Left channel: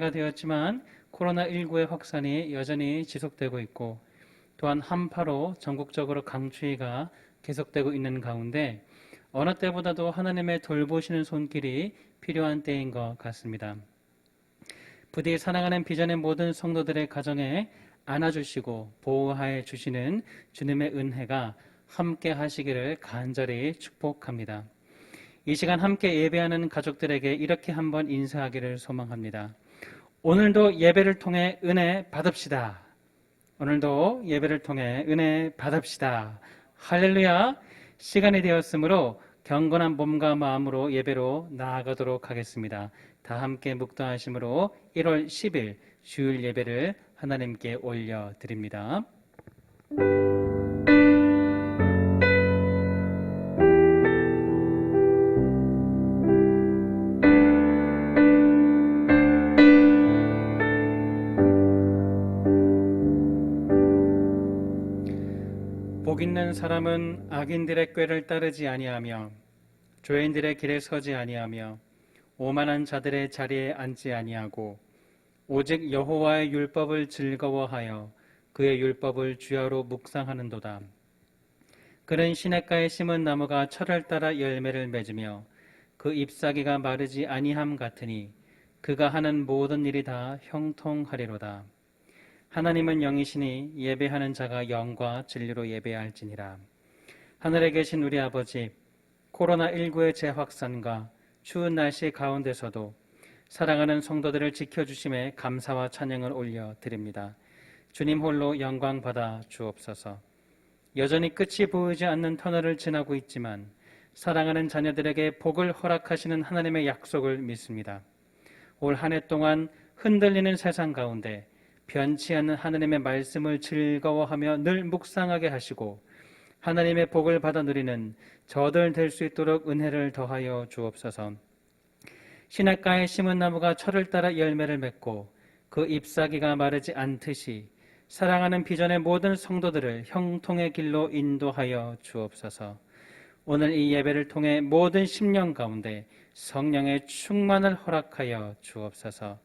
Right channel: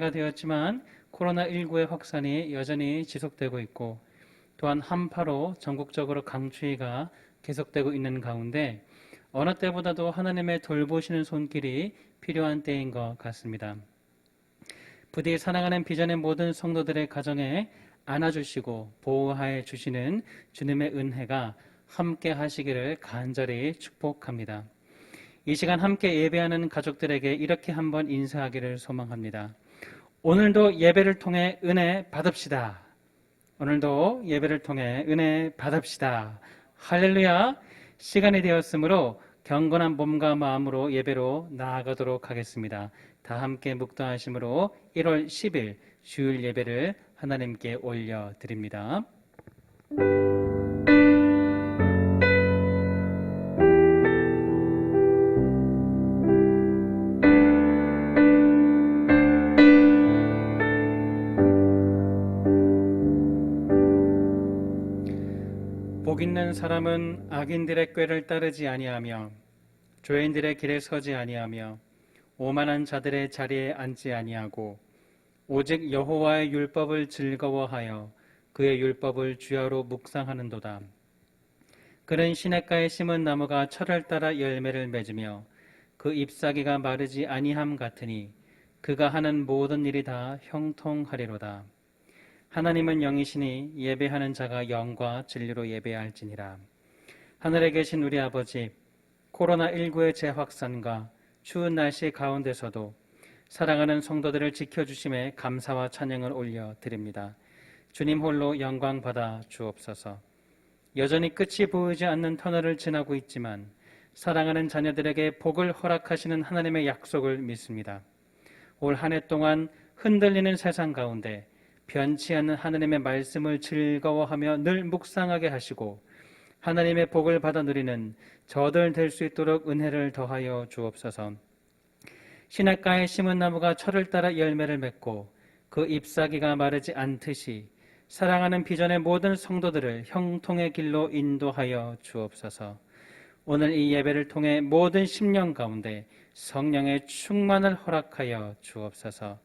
새해가 되었지만 코로나19의 확산이 여전히 지속되고 있고 또한 한파로 전국적으로 강추위가 계속되고 있는 가운데 어느 때보다도 하나님의 돌보시는 손길이 필요한 때인 것 같습니다. 부디 사랑하는 비전의 모든 성도들의 가정에 안아주시고 보호하여 주시는 주님의 은혜가 함께 하시기를 간절히 축복합니다. 이 시간 함께 예배하는 가족들에게 이렇게 한번 인사하기를 소망합니다. 오늘도 예배를 통해 은혜 받읍시다. 오늘도 예배를 통해 은혜 받읍시다. 할렐루야. 시간이 되었으므로 경건한 몸과 마음으로 예배로 나아가도록 하겠습니다. 다 함께 묵도하심으로 1월 10일 주일 예배를 하나님께 올려드립니다. 복 있는 사람은 악인들의 꾀를 따르지 아니하며 죄인들의 길에 서지 아니하며 오만한 자들의 자리에 앉지 아니하고 오직 여호와의 율법을 즐거워하여 그의 율법을 주야로 묵상하는도다. 그는 시냇가에 심은 나무가 철을 따라 열매를 맺으며 그 잎사귀가 마르지 아니함 같으니 그가 하는 모든 일이 다 형통하리로다. 하나님은 영이시니 예배하는 자가 영과 진리로 예배할지니라. 하늘에 계신 우리 아버지, 코로나19의 재확산과 추운 날씨 가운데서도 사랑하는 성도들을 지켜주심에 감사와 찬양을 올려드립니다. 주님 홀로 영광 받아 주옵소서. 여전히 끝이 보이지 않는 터널을 지나고 있지만 사랑하는 자녀들에게 복을 허락하시는 하나님의 약속을 믿습니다. 올 한 해 동안 흔들리는 세상 가운데 변치 않는 하나님의 말씀을 즐거워하며 늘 묵상하게 하시고 하나님의 복을 받아 누리는 저들 될 수 있도록 은혜를 더하여 주옵소서. 시냇가에 심은 나무가 철을 따라 열매를 맺고 그 잎사귀가 마르지 않듯이 사랑하는 비전의 모든 성도들을 형통의 길로 인도하여 주옵소서. 오늘 이 예배를 통해 모든 심령 가운데 성령의 충만을 허락하여 주옵소서.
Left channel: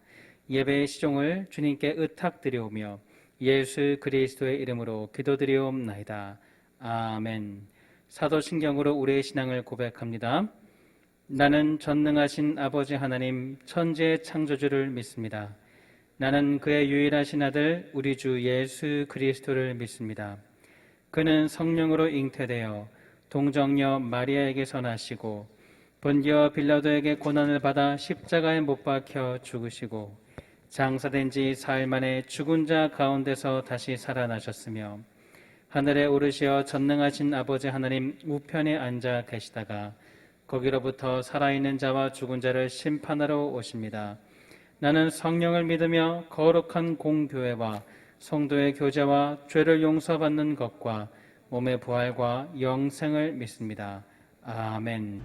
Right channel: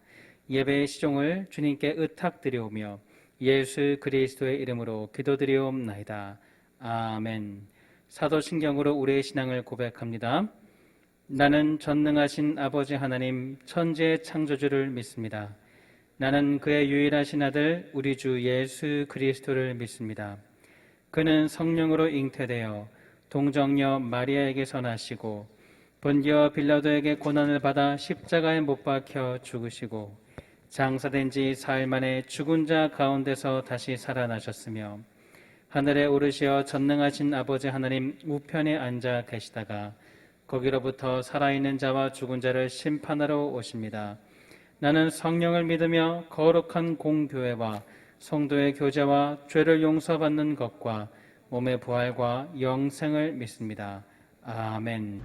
예배의 시종을 주님께 의탁드리오며 예수 그리스도의 이름으로 기도드리옵나이다. 아멘. 사도신경으로 우리의 신앙을 고백합니다. 나는 전능하신 아버지 하나님 천지의 창조주를 믿습니다. 나는 그의 유일하신 아들 우리 주 예수 그리스도를 믿습니다. 그는 성령으로 잉태되어 동정녀 마리아에게서 나시고 본디오 빌라도에게 고난을 받아 십자가에 못 박혀 죽으시고 장사된 지 사흘 만에 죽은 자 가운데서 다시 살아나셨으며 하늘에 오르시어 전능하신 아버지 하나님 우편에 앉아 계시다가 거기로부터 살아있는 자와 죽은 자를 심판하러 오십니다. 나는 성령을 믿으며 거룩한 공교회와 성도의 교제와 죄를 용서받는 것과 몸의 부활과 영생을 믿습니다. 아멘.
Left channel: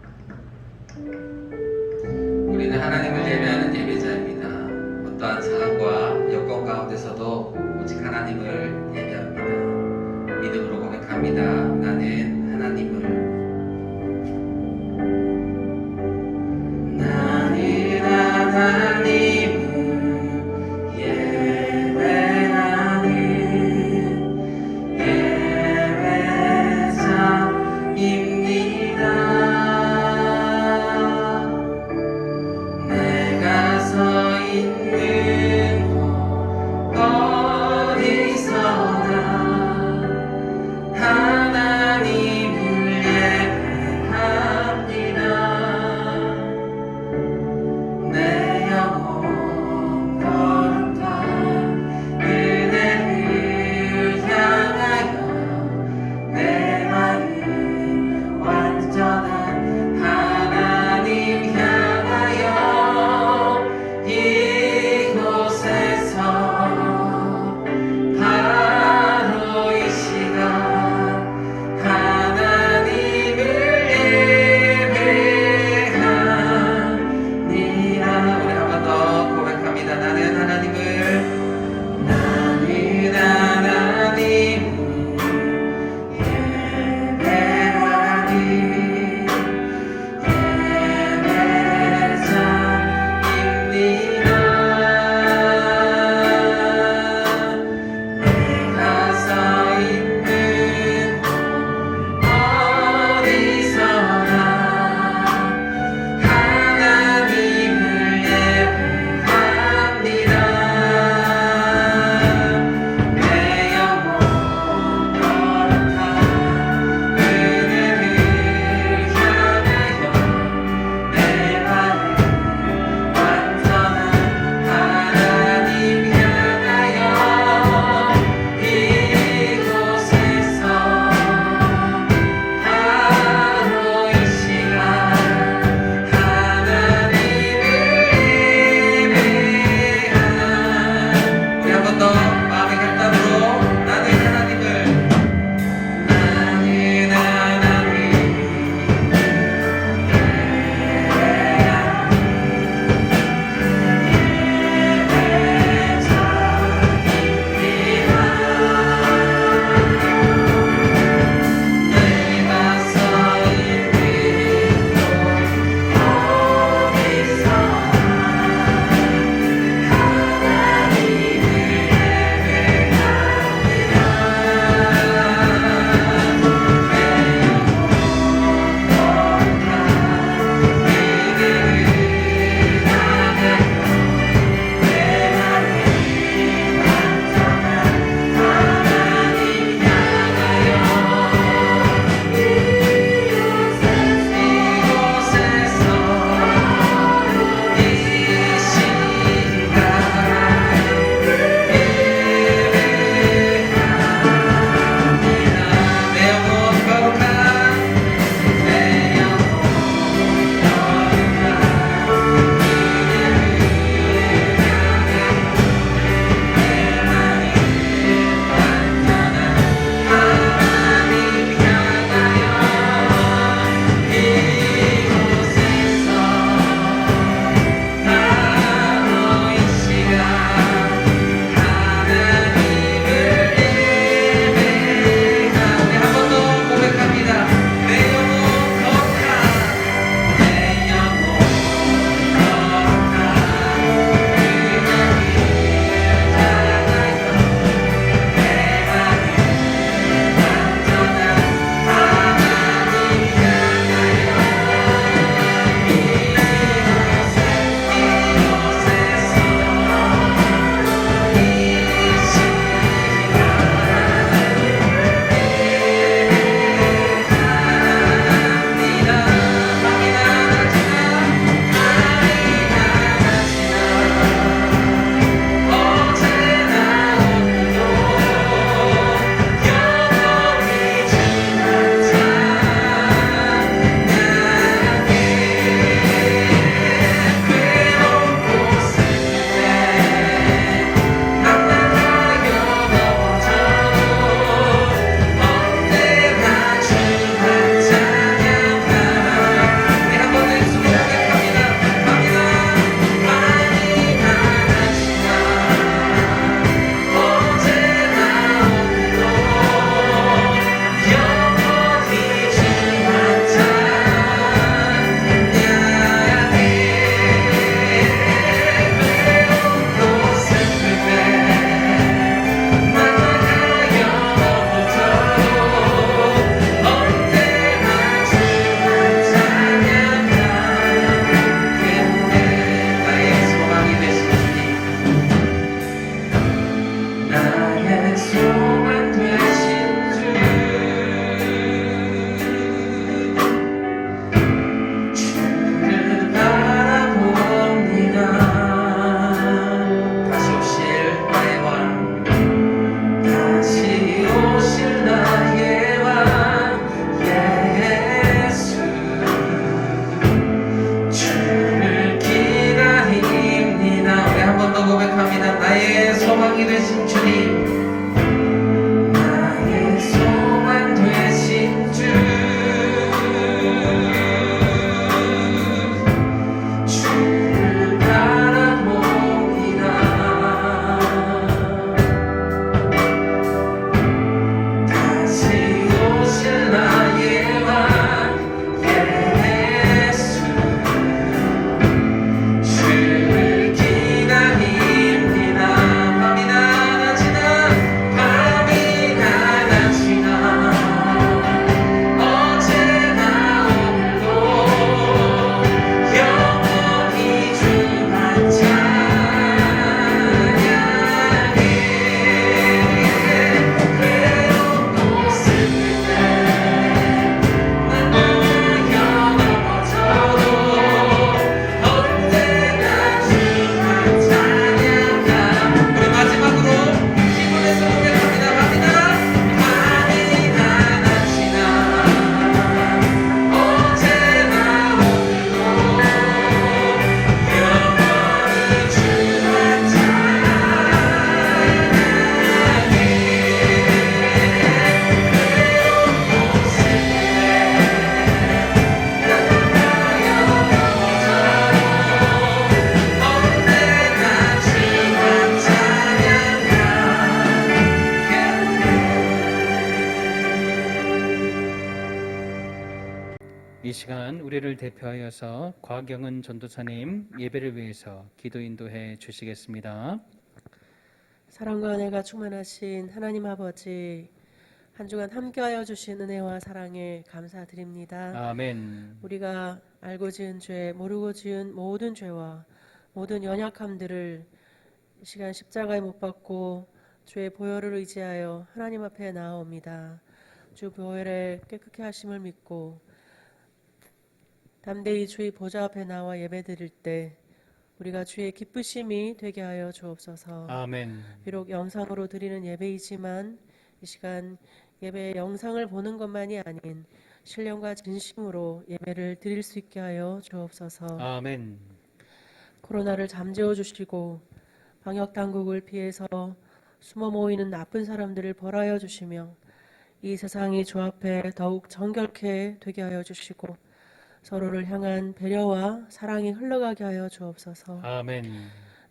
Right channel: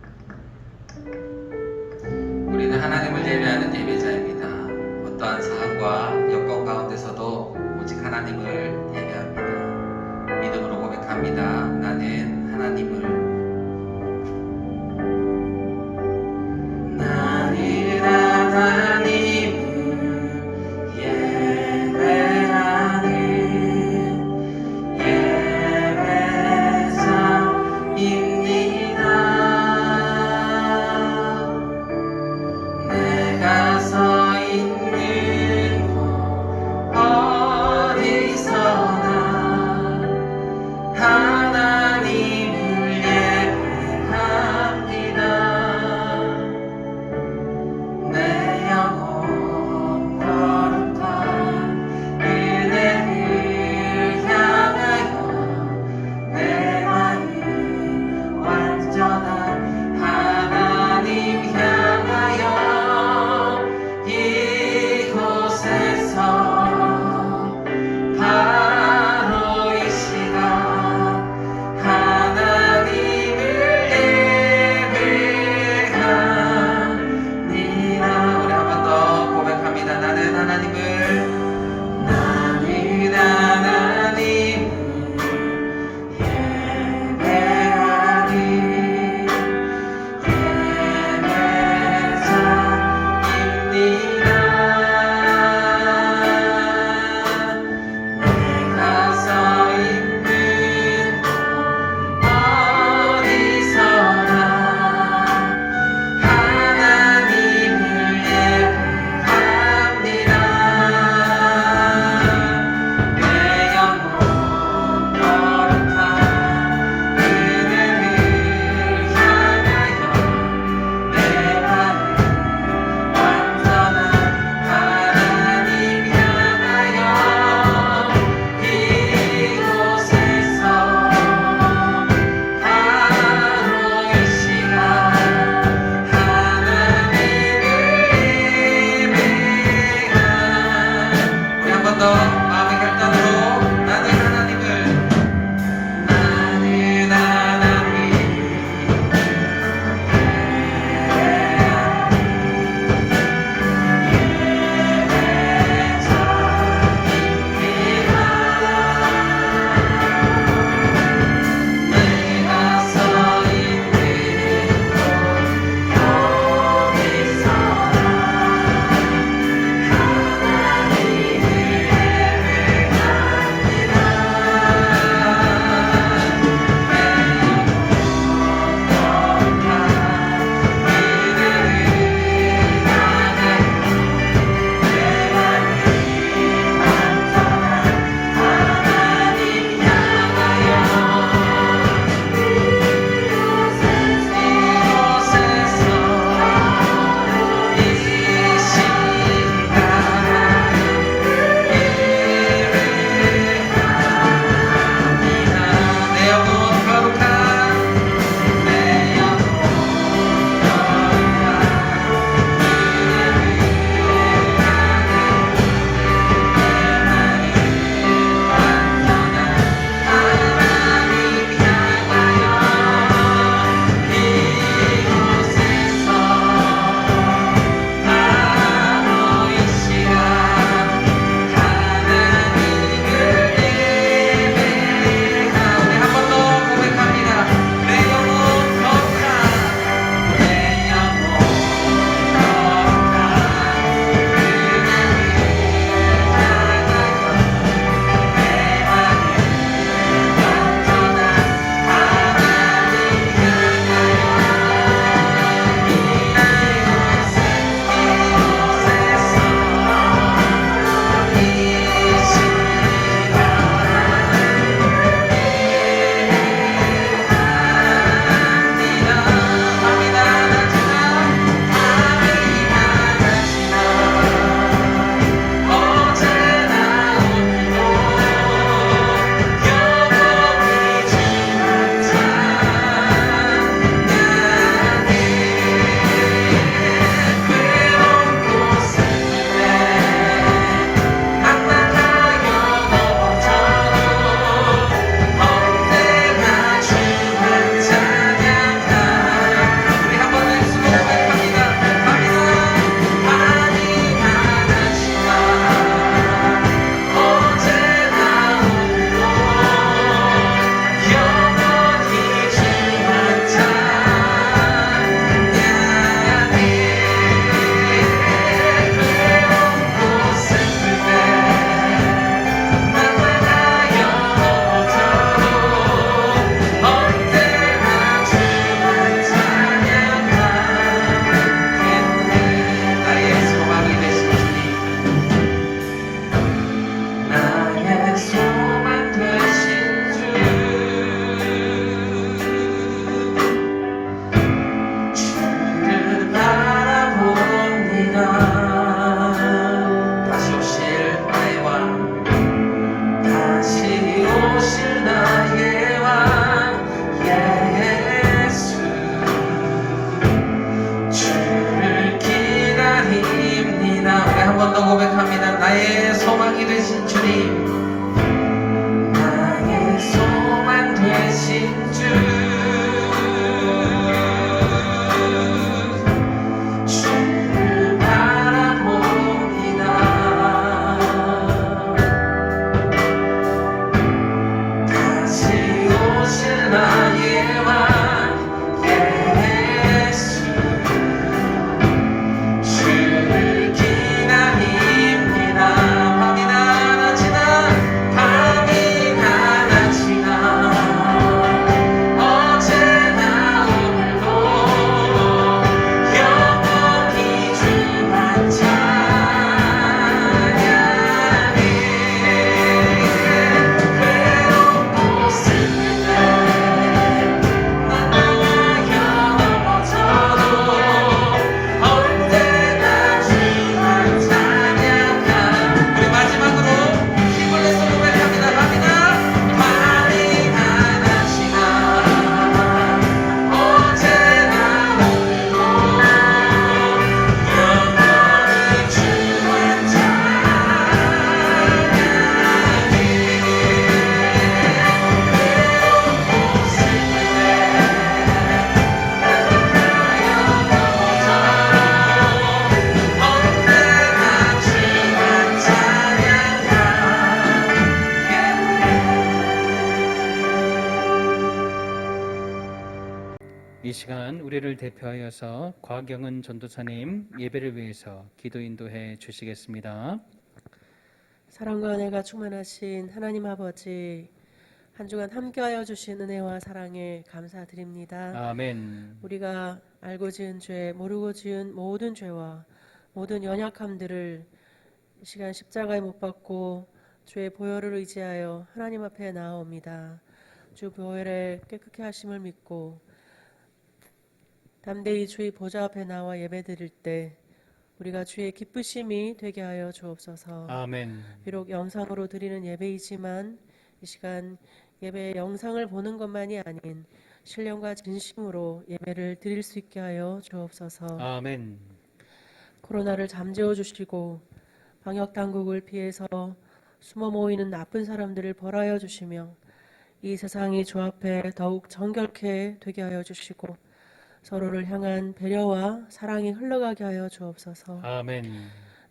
우리는 하나님을 예배하는 예배자입니다. 어떠한 상황과 여건 가운데서도 오직 하나님을 예배합니다. 믿음으로 고백합니다. 나는 하나님을 하나님 이 시간 우리를 대표하여서 곽영은 전도사님 예배를 위해서 기도 인도해 주시겠습니다. 사랑과 은혜가 충만하신 하나님 아버지, 한 주간 함께하여 주신 은혜와 사랑에 감사드립니다. 아멘. 우리가 알고 지은 죄, 모르고 지은 모든 죄와 모든 연약함들을 이 시간 십자가에 못 박고 주의 보혈을 의지하여 하나님 앞에 나아옵니다. 주 보혈의 깨끗게 하심을 믿고 담대히 주의 보좌 앞에 나와 예배드릴 때 우리가 주의 기쁘심이 되게 하여 주옵소서. 아멘. 비록 영상으로 드리는 예배이지만 이 시간 예배의 영상을 보는 것만이 아닌 신령과 진심으로 예배를 드릴 수 있게 하여 주옵소서. 아멘. 코로나를 잠재워 주시고 방역 당국을 피해서 숨어 모이는 나쁜 사람들을 벌하여 주시며 이 세상이 주 앞에 더욱 정결케 되게 하여 주시고 서로를 향한 배려와 사랑이 흘러가게 하여 주옵소서. 아멘.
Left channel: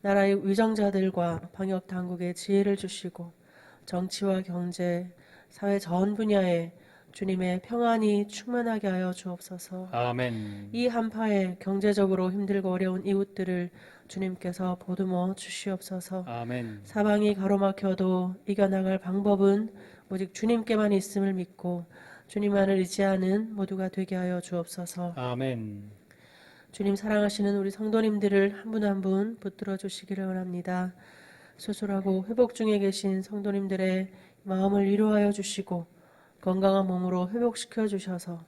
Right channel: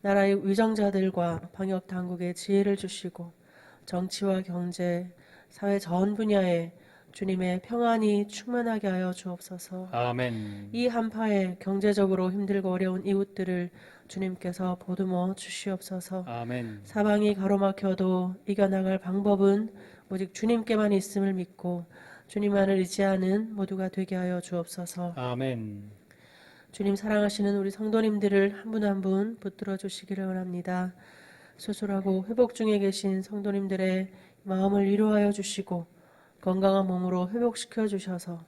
나라의 위정자들과 방역 당국에 지혜를 주시고 정치와 경제, 사회 전 분야에 주님의 평안이 충만하게 하여 주옵소서. 아멘. 이 한파에 경제적으로 힘들고 어려운 이웃들을 주님께서 보듬어 주시옵소서. 아멘. 사방이 가로막혀도 이겨나갈 방법은 오직 주님께만 있음을 믿고 주님만을 의지하는 모두가 되게 하여 주옵소서. 아멘. 주님 사랑하시는 우리 성도님들을 한 분 한 분 붙들어 주시기를 원합니다. 수술하고 회복 중에 계신 성도님들의 마음을 위로하여 주시고 건강한 몸으로 회복시켜 주셔서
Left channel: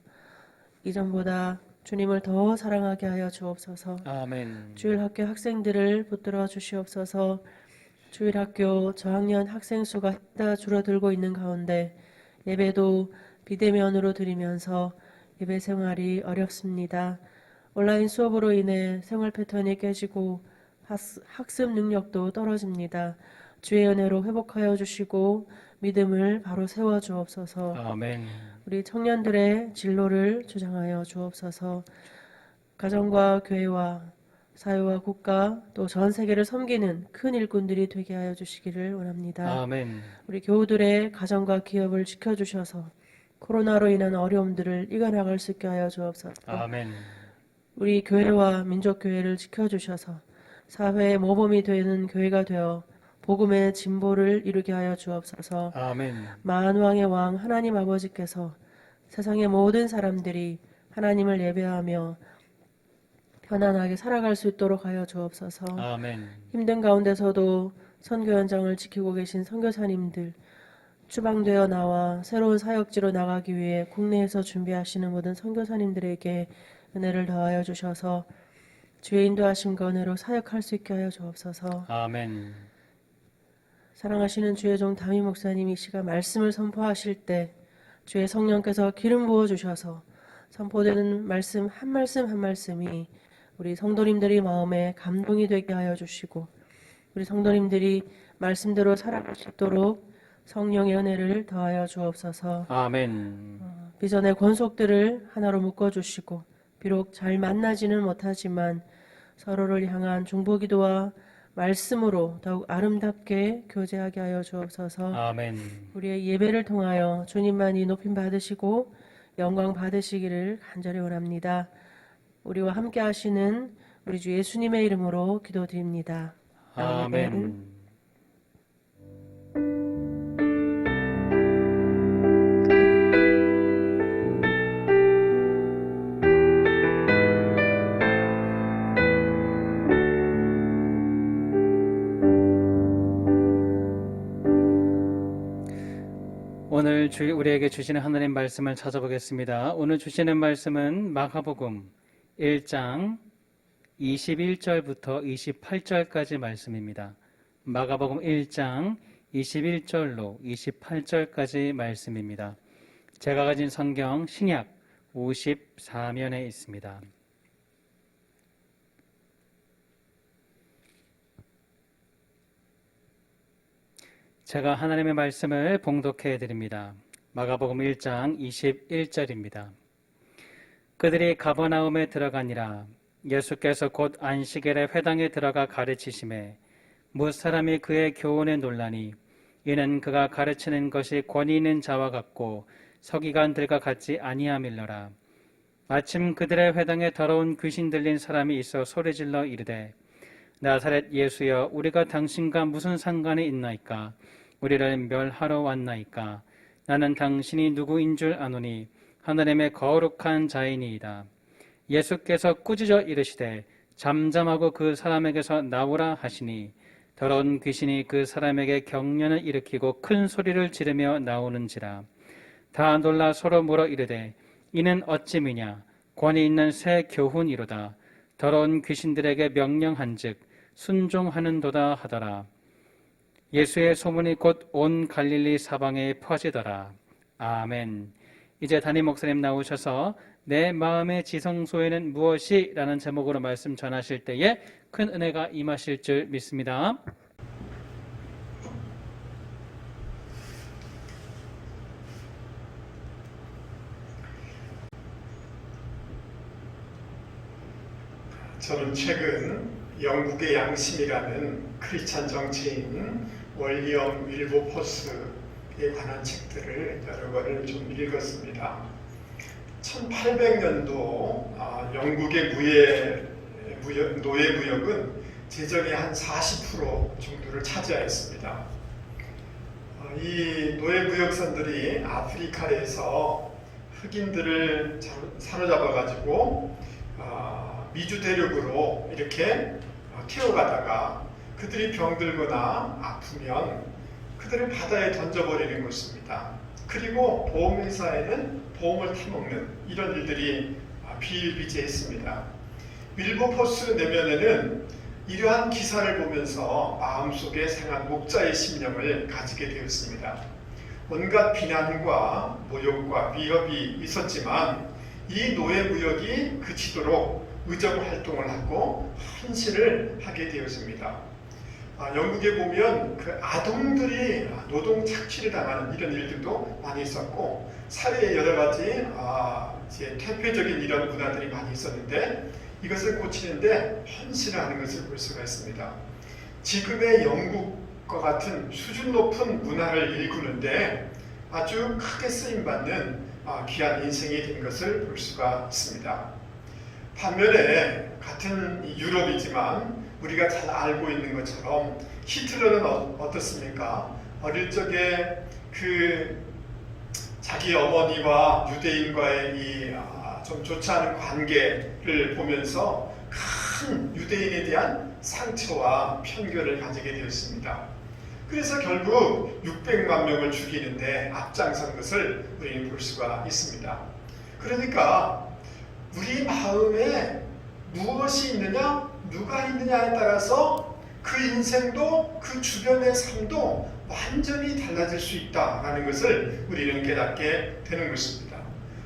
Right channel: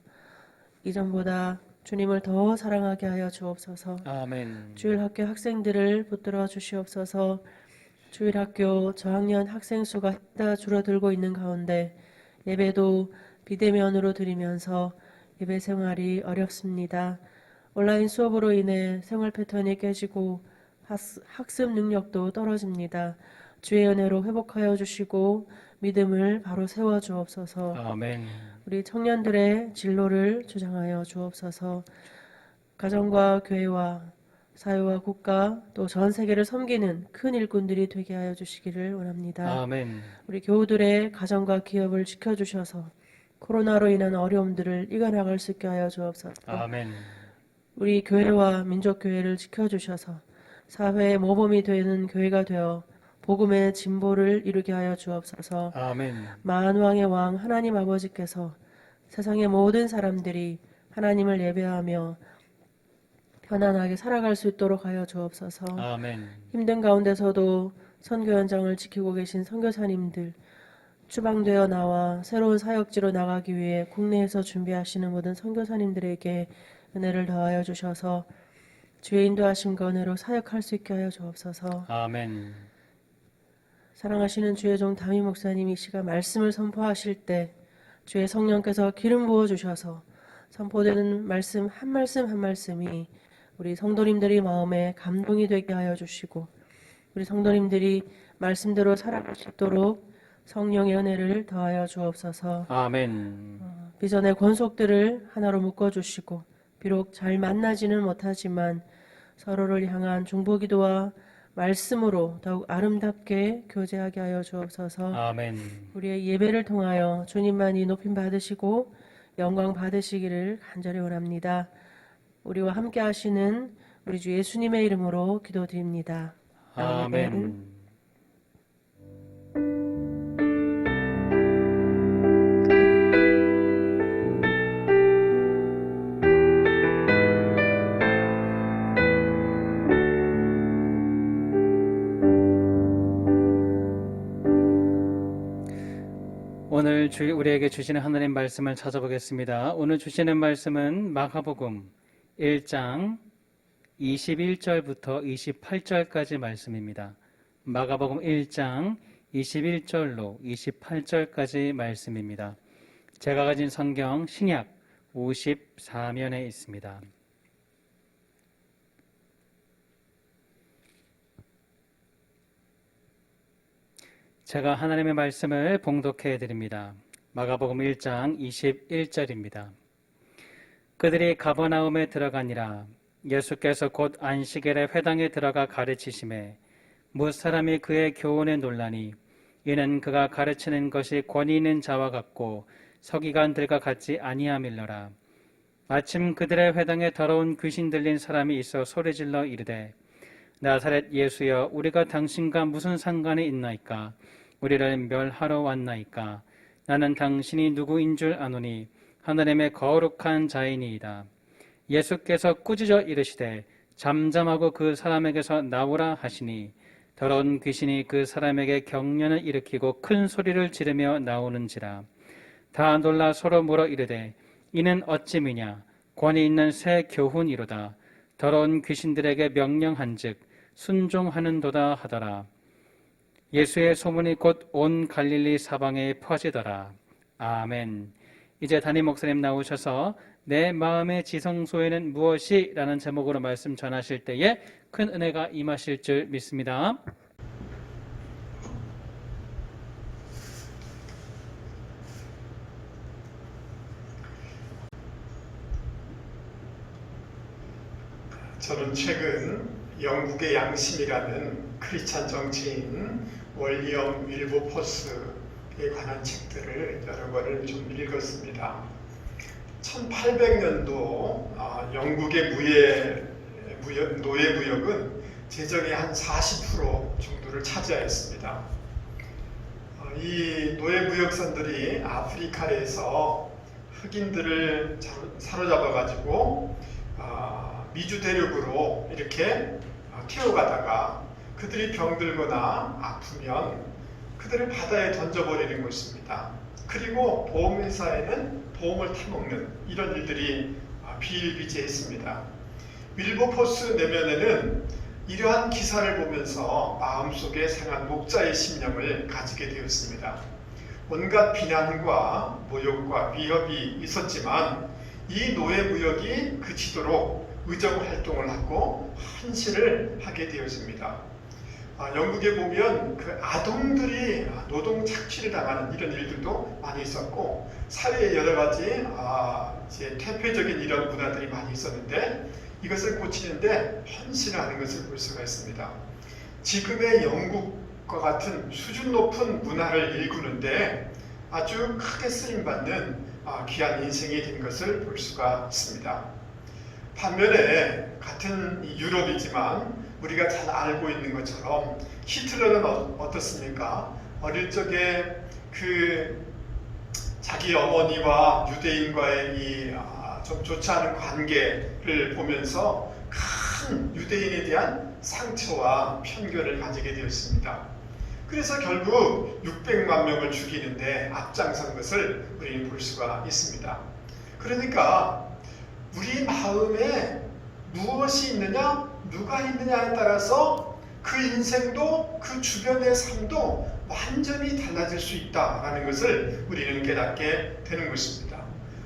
이전보다 주님을 더 사랑하게 하여 주옵소서. 아멘. 주일학교 학생들을 붙들어 주시옵소서. 주일학교 저학년 학생 수가 다 줄어들고 있는 가운데 예배도 비대면으로 드리면서 예배 생활이 어렵습니다. 온라인 수업으로 인해 생활 패턴이 깨지고 학습 능력도 떨어집니다. 주의 은혜로 회복하여 주시고 믿음을 바로 세워 주옵소서. 아멘. 우리 청년들의 진로를 주장하여 주옵소서. 가정과 교회와 사회와 국가 또 전 세계를 섬기는 큰 일꾼들이 되게 하여 주시기를 원합니다. 아멘. 우리 교우들의 가정과 기업을 지켜주셔서 코로나로 인한 어려움들을 이겨나갈 수 있게 하여 주옵소서. 아멘. 우리 교회와 민족교회를 지켜주셔서 사회의 모범이 되는 교회가 되어 복음의 진보를 이루게 하여 주옵소서. 아멘. 만왕의 왕 하나님 아버지께서 세상의 모든 사람들이 하나님을 예배하며 편안하게 살아갈 수 있도록 하여 주옵소서. 아멘. 힘든 가운데서도 선교 현장을 지키고 계신 선교사님들, 추방되어 나와 새로운 사역지로 나가기 위해 국내에서 준비하시는 모든 선교사님들에게 은혜를 더하여 주셔서 주의 인도하심과 은혜로 사역할 수 있게 하여 주옵소서. 아멘. 사랑하시는 주의 종 담임 목사님이 시간 말씀을 선포하실 때 주의 성령께서 기름 부어 주셔서 선포되는 말씀 한 말씀이 우리 성도님들이 마음에 감동이 되게 하여 주시고 우리 성도님들이 말씀대로 살아갈 수 있도록 성령의 은혜를 더하여 주옵소서. 아멘. 비전의 권속들을 하나로 묶어주시고 비록 잘 만나지는 못하지만 서로를 향한 중보기도와 말씀으로 더욱 아름답게 교제하게 하여 주옵소서. 아멘. 우리의 예배를 통하여 주님만이 높임 받으시고 영광 받으시기를 간절히 원합니다. 우리와 함께 하시는 우리 주 예수님의 이름으로 기도드립니다. 아멘. 오늘 우리에게 주시는 하나님 말씀을 찾아보겠습니다. 오늘 주시는 말씀은 마가복음 1장 21절부터 28절까지 말씀입니다. 마가복음 1장 21절로 28절까지 말씀입니다. 제가 가진 성경 신약 54면에 있습니다. 제가 하나님의 말씀을 봉독해 드립니다. 마가복음 1장 21절입니다. 그들이 가버나움에 들어가니라. 예수께서 곧 안식일에 회당에 들어가 가르치심에 무사람이 그의 교훈에 놀라니 이는 그가 가르치는 것이 권위 있는 자와 같고 서기관들과 같지 아니함일러라. 마침 그들의 회당에 더러운 귀신 들린 사람이 있어 소리질러 이르되 나사렛 예수여 우리가 당신과 무슨 상관이 있나이까? 우리를 멸하러 왔나이까? 나는 당신이 누구인 줄 아노니 하나님의 거룩한 자이니이다. 예수께서 꾸짖어 이르시되 잠잠하고 그 사람에게서 나오라 하시니 더러운 귀신이 그 사람에게 경련을 일으키고 큰 소리를 지르며 나오는지라. 다 놀라 서로 물어 이르되 이는 어찌미냐? 권위 있는 새 교훈이로다. 더러운 귀신들에게 명령한즉 순종하는도다 하더라. 예수의 소문이 곧 온 갈릴리 사방에 퍼지더라. 아멘. 이제 담임 목사님 나오셔서 내 마음의 지성소에는 무엇이? 라는 제목으로 말씀 전하실 때에 큰 은혜가 임하실 줄 믿습니다. 저는 최근 영국의 양심이라는 크리스찬 정치인 월리엄 윌버포스에 관한 책들을 여러 권을 좀 읽었습니다. 1800년도 영국의 노예 무역은 재정의 한 40% 정도를 차지하였습니다. 이 노예 무역선들이 아프리카에서 흑인들을 사로잡아가지고 미주 대륙으로 이렇게 태워가다가 그들이 병들거나 아프면 그들을 바다에 던져버리는 것입니다. 그리고 보험회사에는 보험을 타먹는 이런 일들이 비일비재했습니다. 윌버포스 내면에는 이러한 기사를 보면서 마음속에 상한 목자의 신념을 가지게 되었습니다. 온갖 비난과 모욕과 위협이 있었지만 이 노예 무역이 그치도록 의정 활동을 하고 헌신을 하게 되었습니다. 영국에 보면 그 아동들이 노동 착취를 당하는 이런 일들도 많이 있었고 사회에 여러 가지 이제 퇴폐적인 이런 문화들이 많이 있었는데 이것을 고치는데 헌신하는 것을 볼 수가 있습니다. 지금의 영국과 같은 수준 높은 문화를 일구는데 아주 크게 쓰임받는 귀한 인생이 된 것을 볼 수가 있습니다. 반면에 같은 유럽이지만 우리가 잘 알고 있는 것처럼 히틀러는 어떻습니까? 어릴 적에 그 자기 어머니와 유대인과의 이 좀 좋지 않은 관계를 보면서 큰 유대인에 대한 상처와 편견을 가지게 되었습니다. 그래서 결국 600만 명을 죽이는데 앞장선 것을 우리는 볼 수가 있습니다. 그러니까 우리 마음에 무엇이 있느냐, 누가 있느냐에 따라서 그 인생도 그 주변의 삶도 완전히 달라질 수 있다는 것을 우리는 깨닫게 되는 것입니다.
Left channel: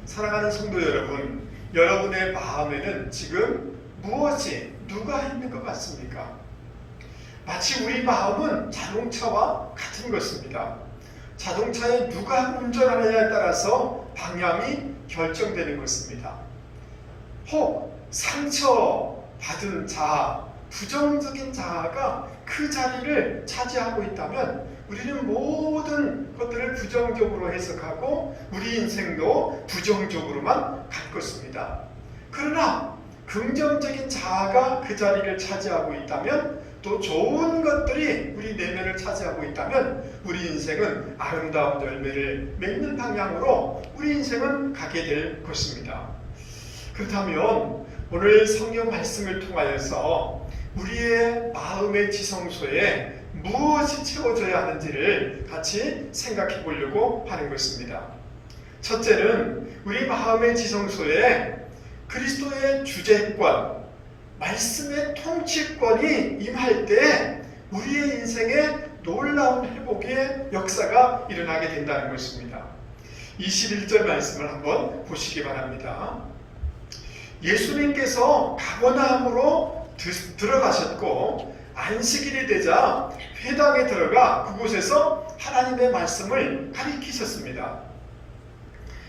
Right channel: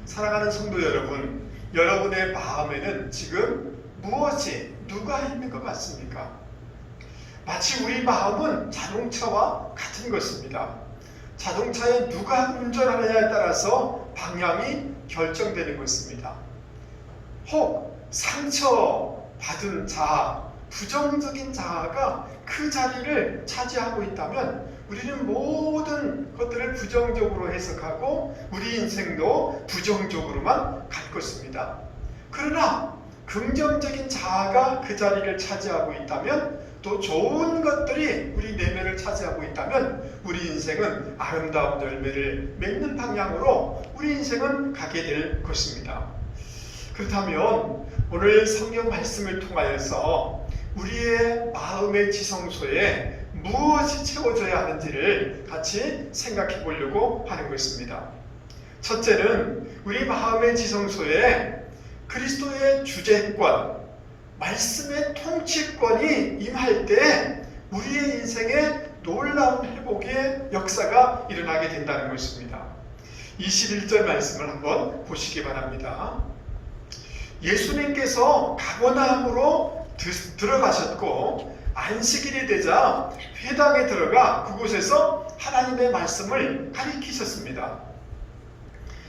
사랑하는 성도 여러분, 여러분의 마음에는 지금 무엇이, 누가 있는 것 같습니까? 마치 우리 마음은 자동차와 같은 것입니다. 자동차에 누가 운전하느냐에 따라서 방향이 결정되는 것입니다. 혹 상처받은 자아, 부정적인 자아가 그 자리를 차지하고 있다면 우리는 모든 것들을 부정적으로 해석하고 우리 인생도 부정적으로만 갈 것입니다. 그러나 긍정적인 자아가 그 자리를 차지하고 있다면 또 좋은 것들이 우리 내면을 차지하고 있다면 우리 인생은 아름다운 열매를 맺는 방향으로 우리 인생은 가게 될 것입니다. 그렇다면 오늘 성경 말씀을 통하여서 우리의 마음의 지성소에 무엇이 채워져야 하는지를 같이 생각해 보려고 하는 것입니다. 첫째는 우리 마음의 지성소에 그리스도의 주재권, 말씀의 통치권이 임할 때 우리의 인생에 놀라운 회복의 역사가 일어나게 된다는 것입니다. 21절 말씀을 한번 보시기 바랍니다. 예수님께서 가버나움으로 들어가셨고 안식일이 되자 회당에 들어가 그곳에서 하나님의 말씀을 가리키셨습니다.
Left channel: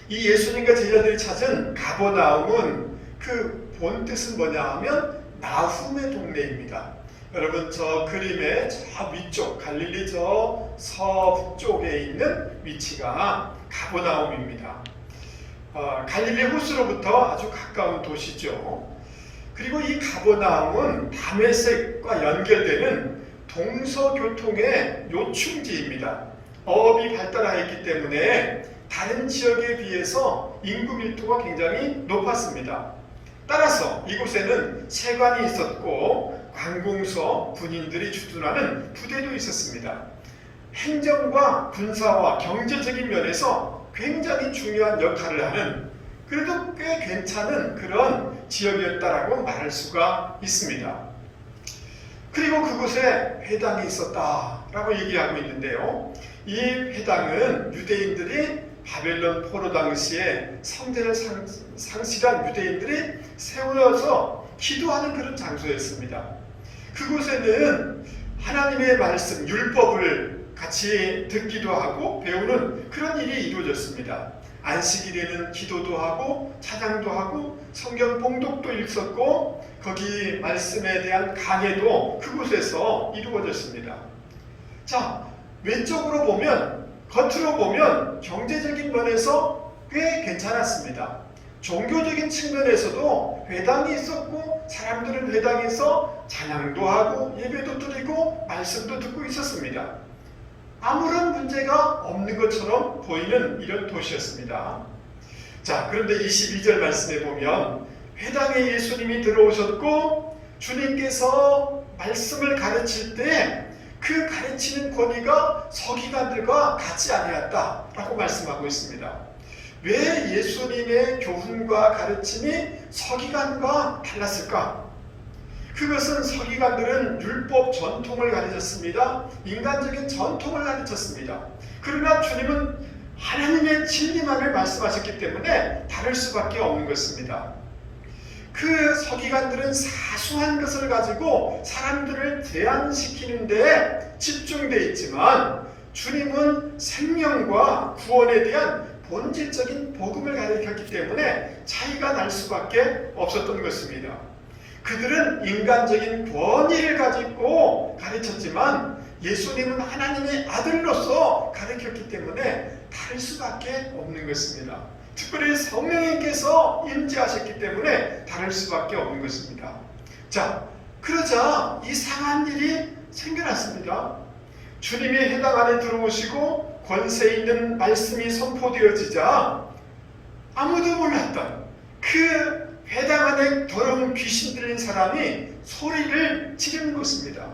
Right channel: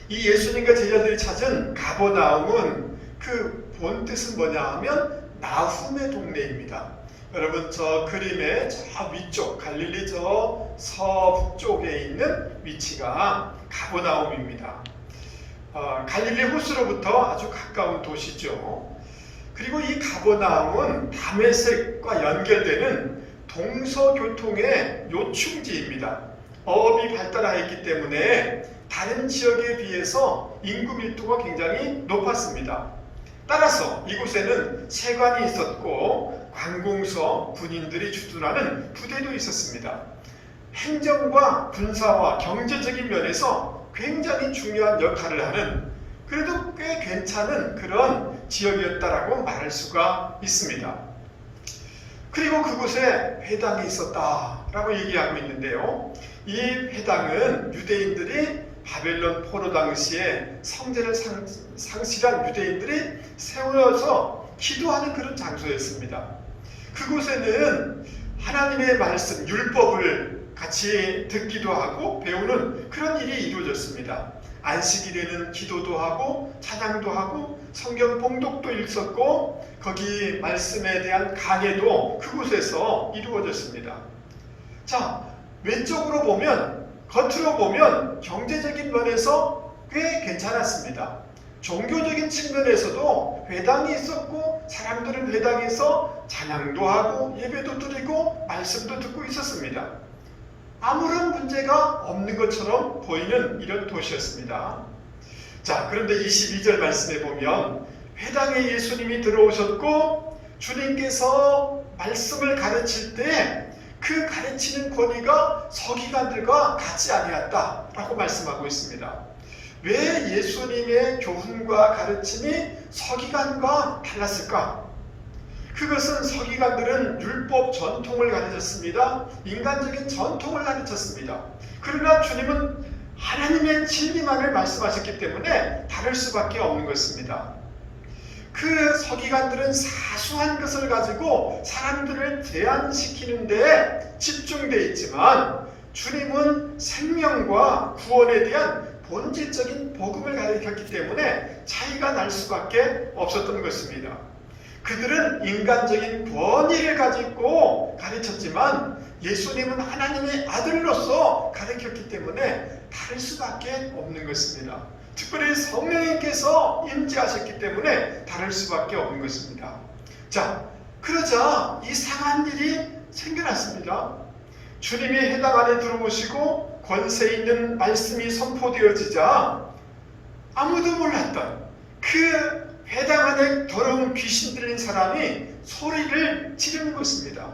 이 예수님과 제자들이 찾은 가버나움은 그 본뜻은 뭐냐 하면 나훔의 동네입니다. 여러분 저 그림의 저 위쪽 갈릴리 저 서북쪽에 있는 위치가 가버나움입니다. 갈릴리 호수로부터 아주 가까운 도시죠. 그리고 이 가버나움은 다메섹과 연결되는 동서교통의 요충지입니다. 어업이 발달하여 있기 때문에 다른 지역에 비해서 인구 밀도가 굉장히 높았습니다. 따라서 이곳에는 세관이 있었고 관공서, 군인들이 주둔하는 부대도 있었습니다. 행정과 군사와 경제적인 면에서 굉장히 중요한 역할을 하는, 그래도 꽤 괜찮은 그런 지역이었다라고 말할 수가 있습니다. 그리고 그곳에 회당이 있었다라고 얘기하고 있는데요. 이 회당은 유대인들이 바벨론 포로 당시에 성전을 상실한 유대인들이 세워서 기도하는 그런 장소였습니다. 그곳에는 하나님의 말씀, 율법을 같이 듣기도 하고 배우는 그런 일이 이루어졌습니다. 안식일에는 기도도 하고 찬양도 하고 성경 봉독도 있었고 거기 말씀에 대한 강해도 그곳에서 이루어졌습니다. 자, 외적으로 보면, 겉으로 보면 경제적인 면에서 꽤 괜찮았습니다. 종교적인 측면에서도 회당이 있었고 사람들은 회당에서 찬양도 하고 예배도 드리고 말씀도 듣고 있었습니다. 아무런 문제가 없는 것처럼 보이는 이런 도시였습니다. 자, 그런데 22절 말씀에 보면 회당에 예수님이 들어오셨고 주님께서 말씀을 가르칠 때 그 가르치는 권위가 서기관들과 같지 아니었다라고 말씀하고 있습니다. 왜 예수님의 교훈과 가르침이 서기관과 달랐을까? 그것은 서기관들은 율법 전통을 가르쳤습니다. 인간적인 전통을 가르쳤습니다. 그러나 주님은 하나님의 진리만을 말씀하셨기 때문에 다를 수밖에 없는 것입니다. 그 서기관들은 사소한 것을 가지고 사람들을 대안시키는 데 집중되어 있지만 주님은 생명과 구원에 대한 본질적인 복음을 가르쳤기 때문에 차이가 날 수밖에 없었던 것입니다. 그들은 인간적인 권위를 가지고 가르쳤지만 예수님은 하나님의 아들로서 가르쳤기 때문에 다를 수밖에 없는 것입니다. 특별히 성령님께서 임재하셨기 때문에 다를 수밖에 없는 것입니다. 자, 그러자 이상한 일이 생겨났습니다. 주님이 회당 안에 들어오시고 권세 있는 말씀이 선포되어지자 아무도 몰랐던 그 회당 안에 더러운 귀신 들린 사람이 소리를 지르는 것입니다.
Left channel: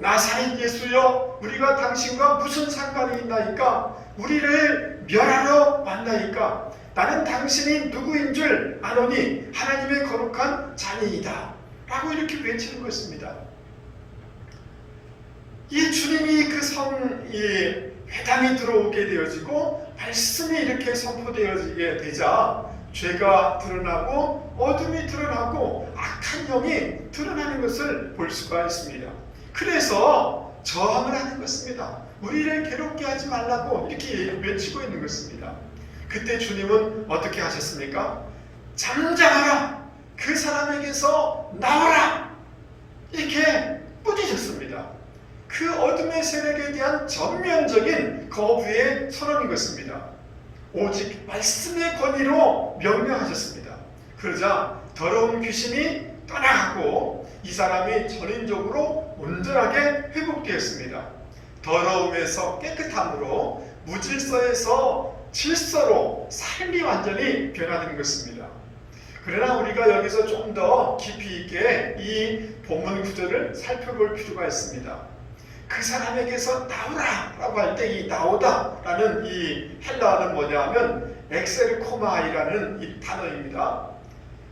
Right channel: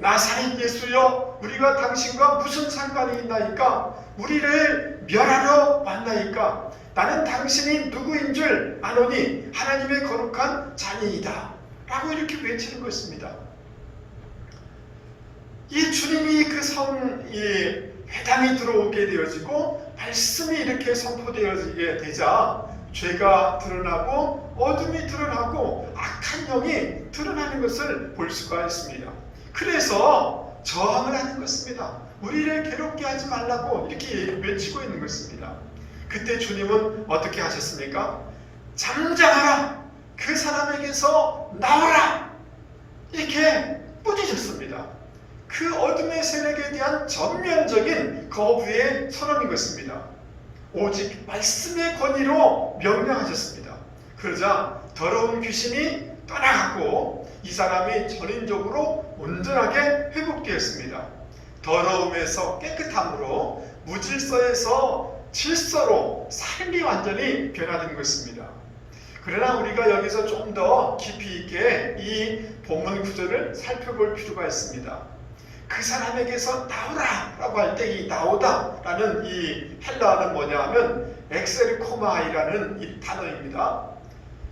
나사렛 예수여, 우리가 당신과 무슨 상관이 있나이까? 우리를 멸하러 왔나이까? 나는 당신이 누구인 줄 아노니 하나님의 거룩한 자니이다 라고 이렇게 외치는 것입니다. 이 주님이 이 회당에 들어오게 되어지고 말씀이 이렇게 선포되어지게 되자 죄가 드러나고 어둠이 드러나고 악한 영이 드러나는 것을 볼 수가 있습니다. 그래서 저항을 하는 것입니다. 우리를 괴롭게 하지 말라고 이렇게 외치고 있는 것입니다. 그때 주님은 어떻게 하셨습니까? 잠잠하라! 그 사람에게서 나와라! 이렇게 꾸짖으셨습니다. 그 어둠의 세력에 대한 전면적인 거부의 선언인 것입니다. 오직 말씀의 권위로 명령하셨습니다. 그러자 더러운 귀신이 떠나가고 이 사람이 전인적으로 온전하게 회복되었습니다. 더러움에서 깨끗함으로, 무질서에서 질서로 삶이 완전히 변화된 것입니다. 그러나 우리가 여기서 좀 더 깊이 있게 이 본문 구절을 살펴볼 필요가 있습니다. 그 사람에게서 나오라 라고 할 때 이 나오다 라는 이 헬라어는 뭐냐면 엑셀코마이라는 이 단어입니다.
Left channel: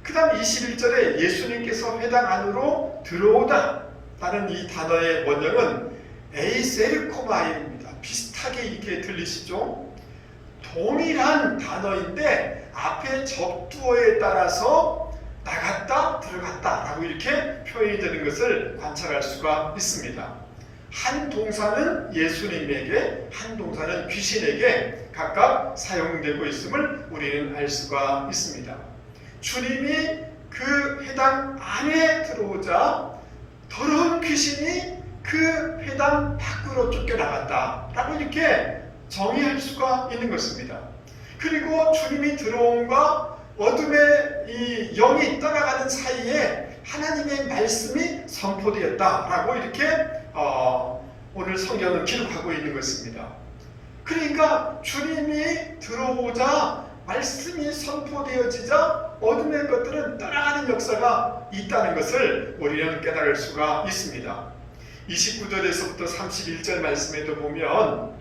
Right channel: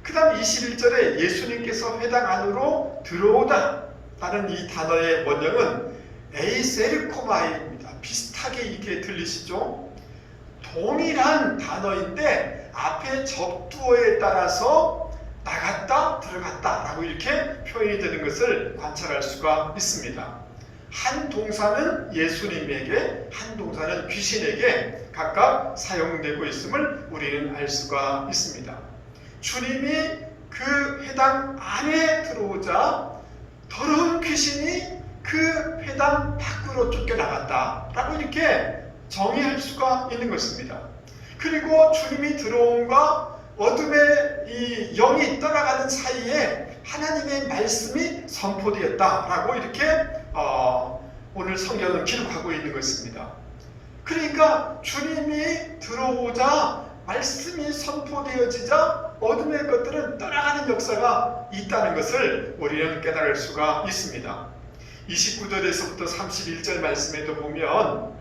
그 다음 21절에 예수님께서 회당 안으로 들어오다 라는 이 단어의 원형은 에이셀코마이입니다. 비슷하게 이렇게 들리시죠? 동일한 단어인데 앞에 접두어에 따라서 나갔다 들어갔다 라고 이렇게 표현이 되는 것을 관찰할 수가 있습니다. 한 동사는 예수님에게, 한 동사는 귀신에게 각각 사용되고 있음을 우리는 알 수가 있습니다. 주님이 그 회당 안에 들어오자 더러운 귀신이 그 회당 밖으로 쫓겨나갔다 라고 이렇게 정의할 수가 있는 것입니다. 그리고 주님이 들어옴과 어둠의 이 영이 떠나가는 사이에 하나님의 말씀이 선포되었다라고 이렇게 오늘 성경은 기록하고 있는 것입니다. 그러니까 주님이 들어오자 말씀이 선포되어지자 어둠의 것들은 떠나가는 역사가 있다는 것을 우리는 깨달을 수가 있습니다. 29절에서부터 31절 말씀에도 보면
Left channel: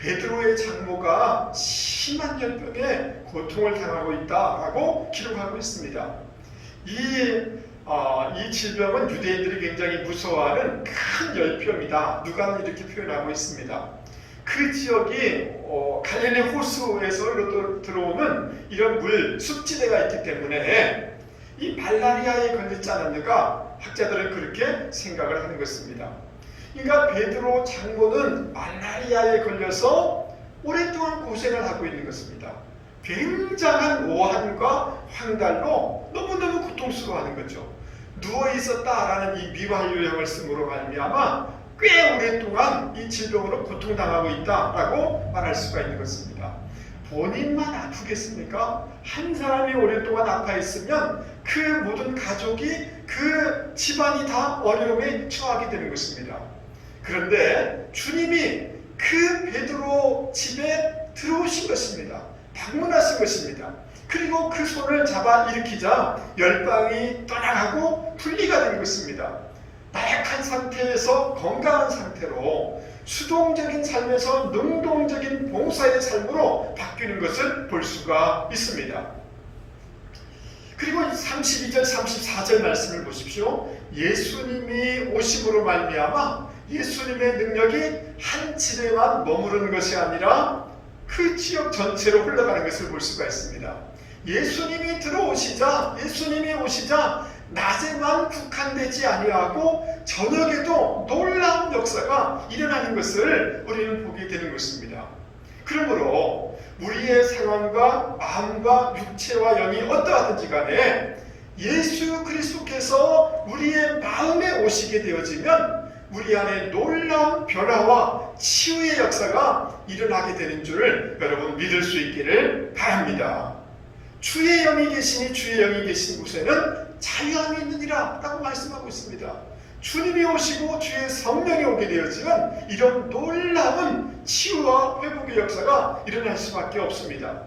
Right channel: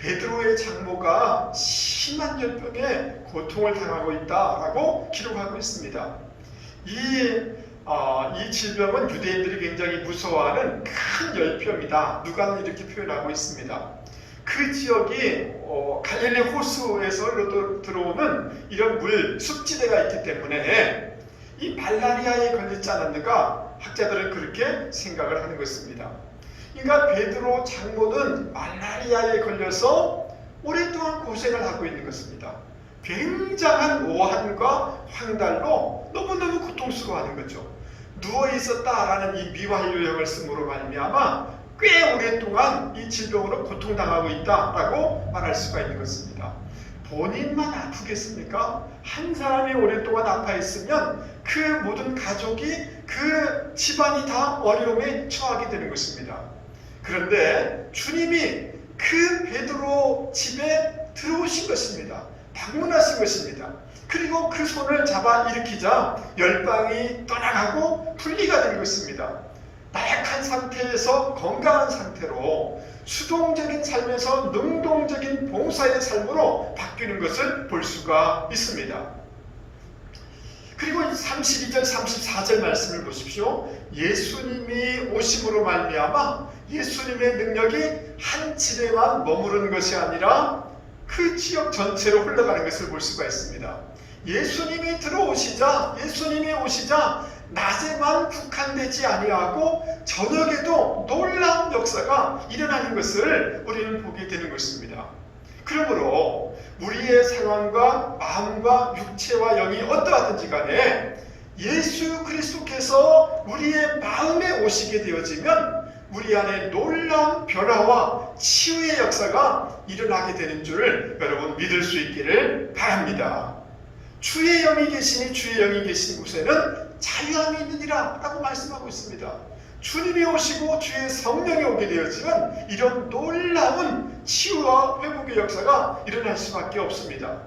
베드로의 장모가 심한 열병에 고통을 당하고 있다라고 기록하고 있습니다. 이 질병은 유대인들이 굉장히 무서워하는 큰 열병이다. 누가는 이렇게 표현하고 있습니다. 그 지역이 갈릴리 호수에서 들어오는 이런 습지대가 있기 때문에 이 말라리아에 걸리지 않았는가 학자들은 그렇게 생각을 하는 것입니다. 그러니까 베드로 장모는 말라리아에 걸려서 오랫동안 고생을 하고 있는 것입니다. 굉장한 오한과 황달로 너무너무 고통스러워하는 거죠. 누워 있었다라는 이 미완료형을 쓰므로 말미암아 꽤 오랫동안 이 질병으로 고통당하고 있다라고 말할 수가 있는 것입니다. 본인만 아프겠습니까? 한 사람이 오랫동안 아파 있으면 그 모든 가족이 그 집안이 다 어려움에 처하게 되는 것입니다. 그런데 주님이 그 베드로 집에 들어오신 것입니다. 방문하신 것입니다. 그리고 그 손을 잡아 일으키자 열방이 떠나가고 분리가 된 것입니다. 나약한 상태에서 건강한 상태로 수동적인 삶에서 능동적인 봉사의 삶으로 바뀌는 것을 볼 수가 있습니다. 그리고 32절 34절 말씀을 보십시오. 예수님이 오심으로 말미암아 예수님의 능력이 한 집에만 머무르는 것이 아니라 그 지역 전체로 흘러가는 것을 볼 수가 있습니다. 예수님이 오시자 낮에만 국한되지 아니하고 저녁에도 놀라운 역사가 일어나는 것을 우리는 보게 되는 것입니다. 그러므로 우리의 상황과 마음과 육체와 영이 어떠하든지 간에 예수 그리스도께서 우리의 마음에 오시게 되어지면 우리 안에 놀라운 변화와 치유의 역사가 일어나게 되는 줄 여러분 믿을 수 있기를 바랍니다. 주의 영이 계시니 주의 영이 계신 곳에는 자유함이 있느니라 라고 말씀하고 있습니다. 주님이 오시고 주의 성령이 오게 되어지면 이런 놀라운 치유와 회복의 역사가 일어날 수밖에 없습니다.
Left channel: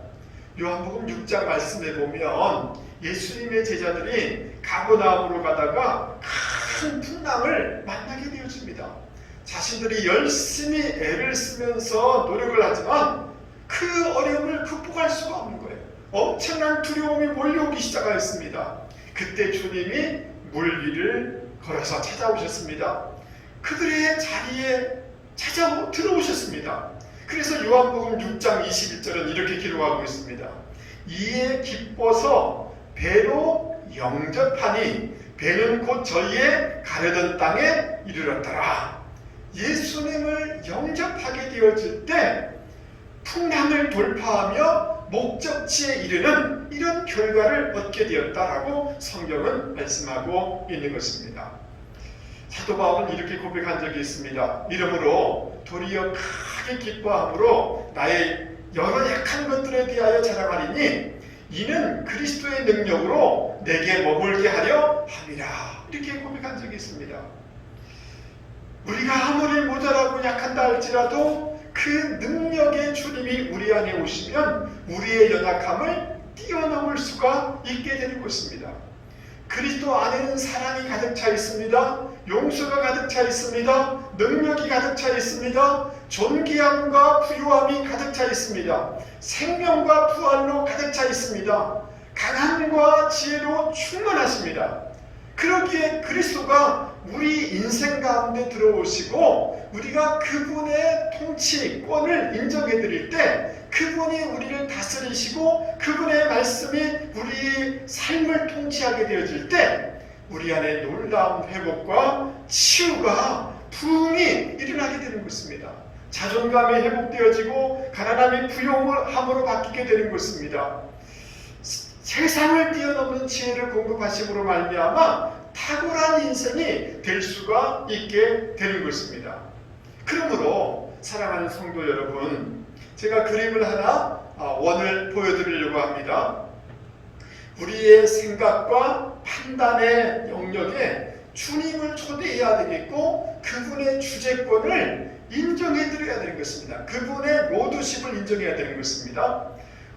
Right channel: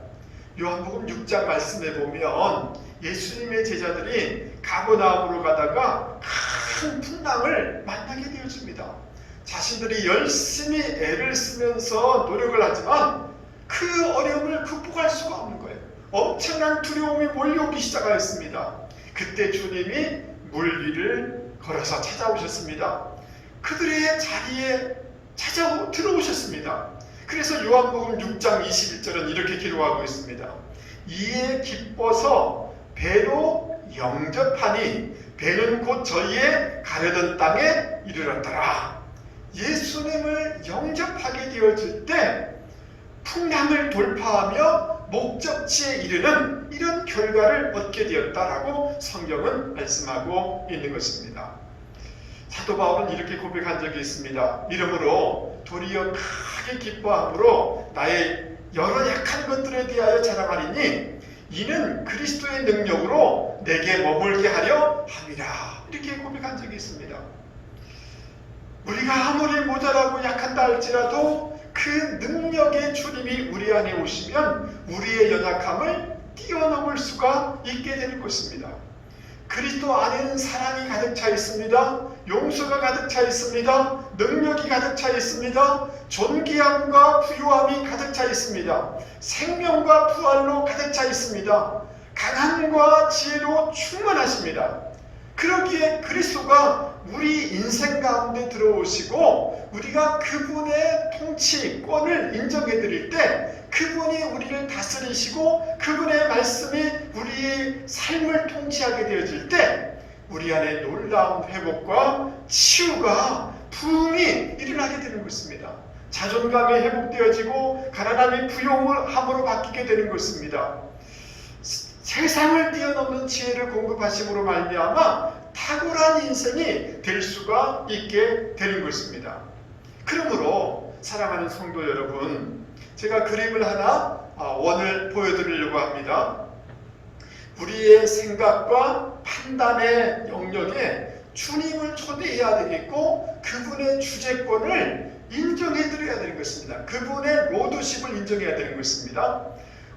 요한복음 6장 말씀에 보면 예수님의 제자들이 가버나움으로 가다가 큰 풍랑을 만나게 되어집니다. 자신들이 열심히 애를 쓰면서 노력을 하지만 그 어려움을 극복할 수가 없는 거예요. 엄청난 두려움이 몰려오기 시작하였습니다. 그때 주님이 물 위를 걸어서 찾아오셨습니다. 그들의 자리에 들어오셨습니다. 그래서 요한복음 6장 21절은 이렇게 기록하고 있습니다. 이에 기뻐서 배로 영접하니 배는 곧 저희의 가려던 땅에 이르렀더라. 예수님을 영접하게 되어질 때 풍랑을 돌파하며 목적지에 이르는 이런 결과를 얻게 되었다라고 성경은 말씀하고 있는 것입니다. 사도 바울은 이렇게 고백한 적이 있습니다. 이러므로 도리어 크게 기뻐함으로 나의 여러 약한 것들에 대하여 자랑하리니 이는 그리스도의 능력으로 내게 머물게 하려 함이라. 이렇게 고백한 적이 있습니다. 우리가 아무리 모자라고 약한다 할지라도 그 능력의 주님이 우리 안에 오시면 우리의 연약함을 뛰어넘을 수가 있게 되는 것입니다. 그리스도 안에는 사랑이 가득 차 있습니다. 용서가 가득 차 있습니다. 능력이 가득 차 있습니다. 존귀함과 부유함이 가득 차 있습니다. 생명과 부활로 가득 차 있습니다. 강함과 지혜로 충만하십니다. 그러기에 그리스도가 우리 인생 가운데 들어오시고 우리가 그분의 통치권을 인정해 드릴 때 그분이 우리를 다스리시고 그분의 말씀이 우리 삶을 통치하게 되어질 때 우리 안에 놀라운 회복과 치유가 부흥이 일어나게 되는 것입니다. 자존감이 회복되어지고 가난함이 부요함으로 바뀌게 되는 것입니다. 세상을 뛰어넘는 지혜를 공급하심으로 말미암아 탁월한 인생이 될 수가 있게 되는 것입니다. 그러므로 사랑하는 성도 여러분, 제가 그림을 하나 원을 보여드리려고 합니다. 우리의 생각과 판단의 영역에 주님을 초대해야 되겠고 그분의 주재권을 인정해드려야 되는 것입니다. 그분의 모두심을 인정해야 되는 것입니다.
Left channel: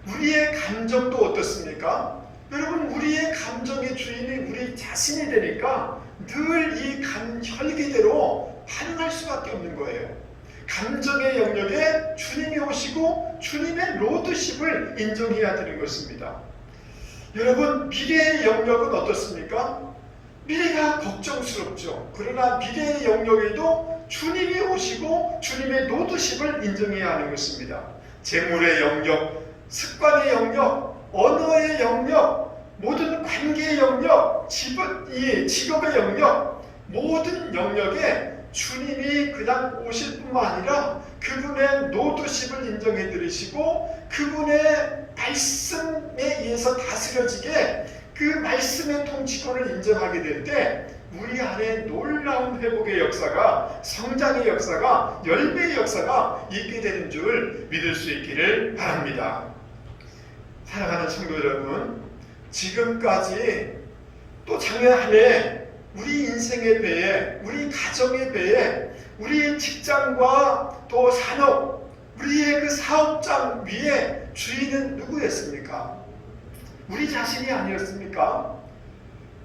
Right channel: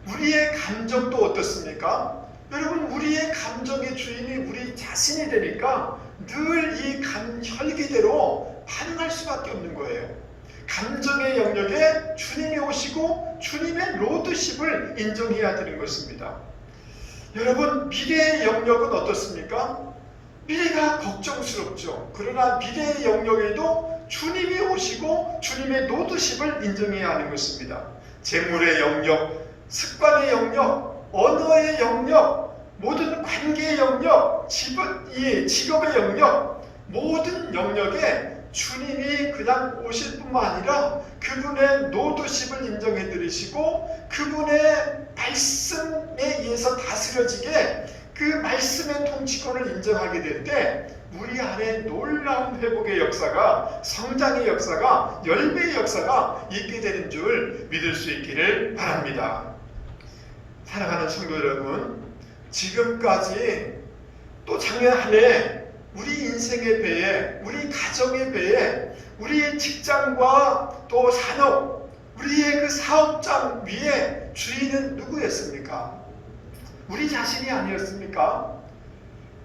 우리의 감정도 어떻습니까? 여러분, 우리의 감정의 주인이 우리 자신이 되니까 늘 이 혈기대로 반응할 수밖에 없는 거예요. 감정의 영역에 주님이 오시고 주님의 로드십을 인정해야 되는 것입니다. 여러분, 미래의 영역은 어떻습니까? 미래가 걱정스럽죠. 그러나 미래의 영역에도 주님이 오시고 주님의 로드십을 인정해야 하는 것입니다. 재물의 영역, 습관의 영역, 언어의 영역, 모든 관계의 영역, 직업의 영역, 모든 영역에 주님이 그냥 오실 뿐만 아니라 그분의 노드십을 인정해 드리시고 그분의 말씀에 의해서 다스려지게 그 말씀의 통치권을 인정하게 될 때 우리 안에 놀라운 회복의 역사가, 성장의 역사가, 열매의 역사가 있게 되는 줄 믿을 수 있기를 바랍니다. 사랑하는 성도 여러분, 지금까지 또 장래 한 해 우리 인생의 배에, 우리 가정의 배에, 우리 직장과 또 산업, 우리의 그 사업장 위에 주인은 누구였습니까? 우리 자신이 아니었습니까?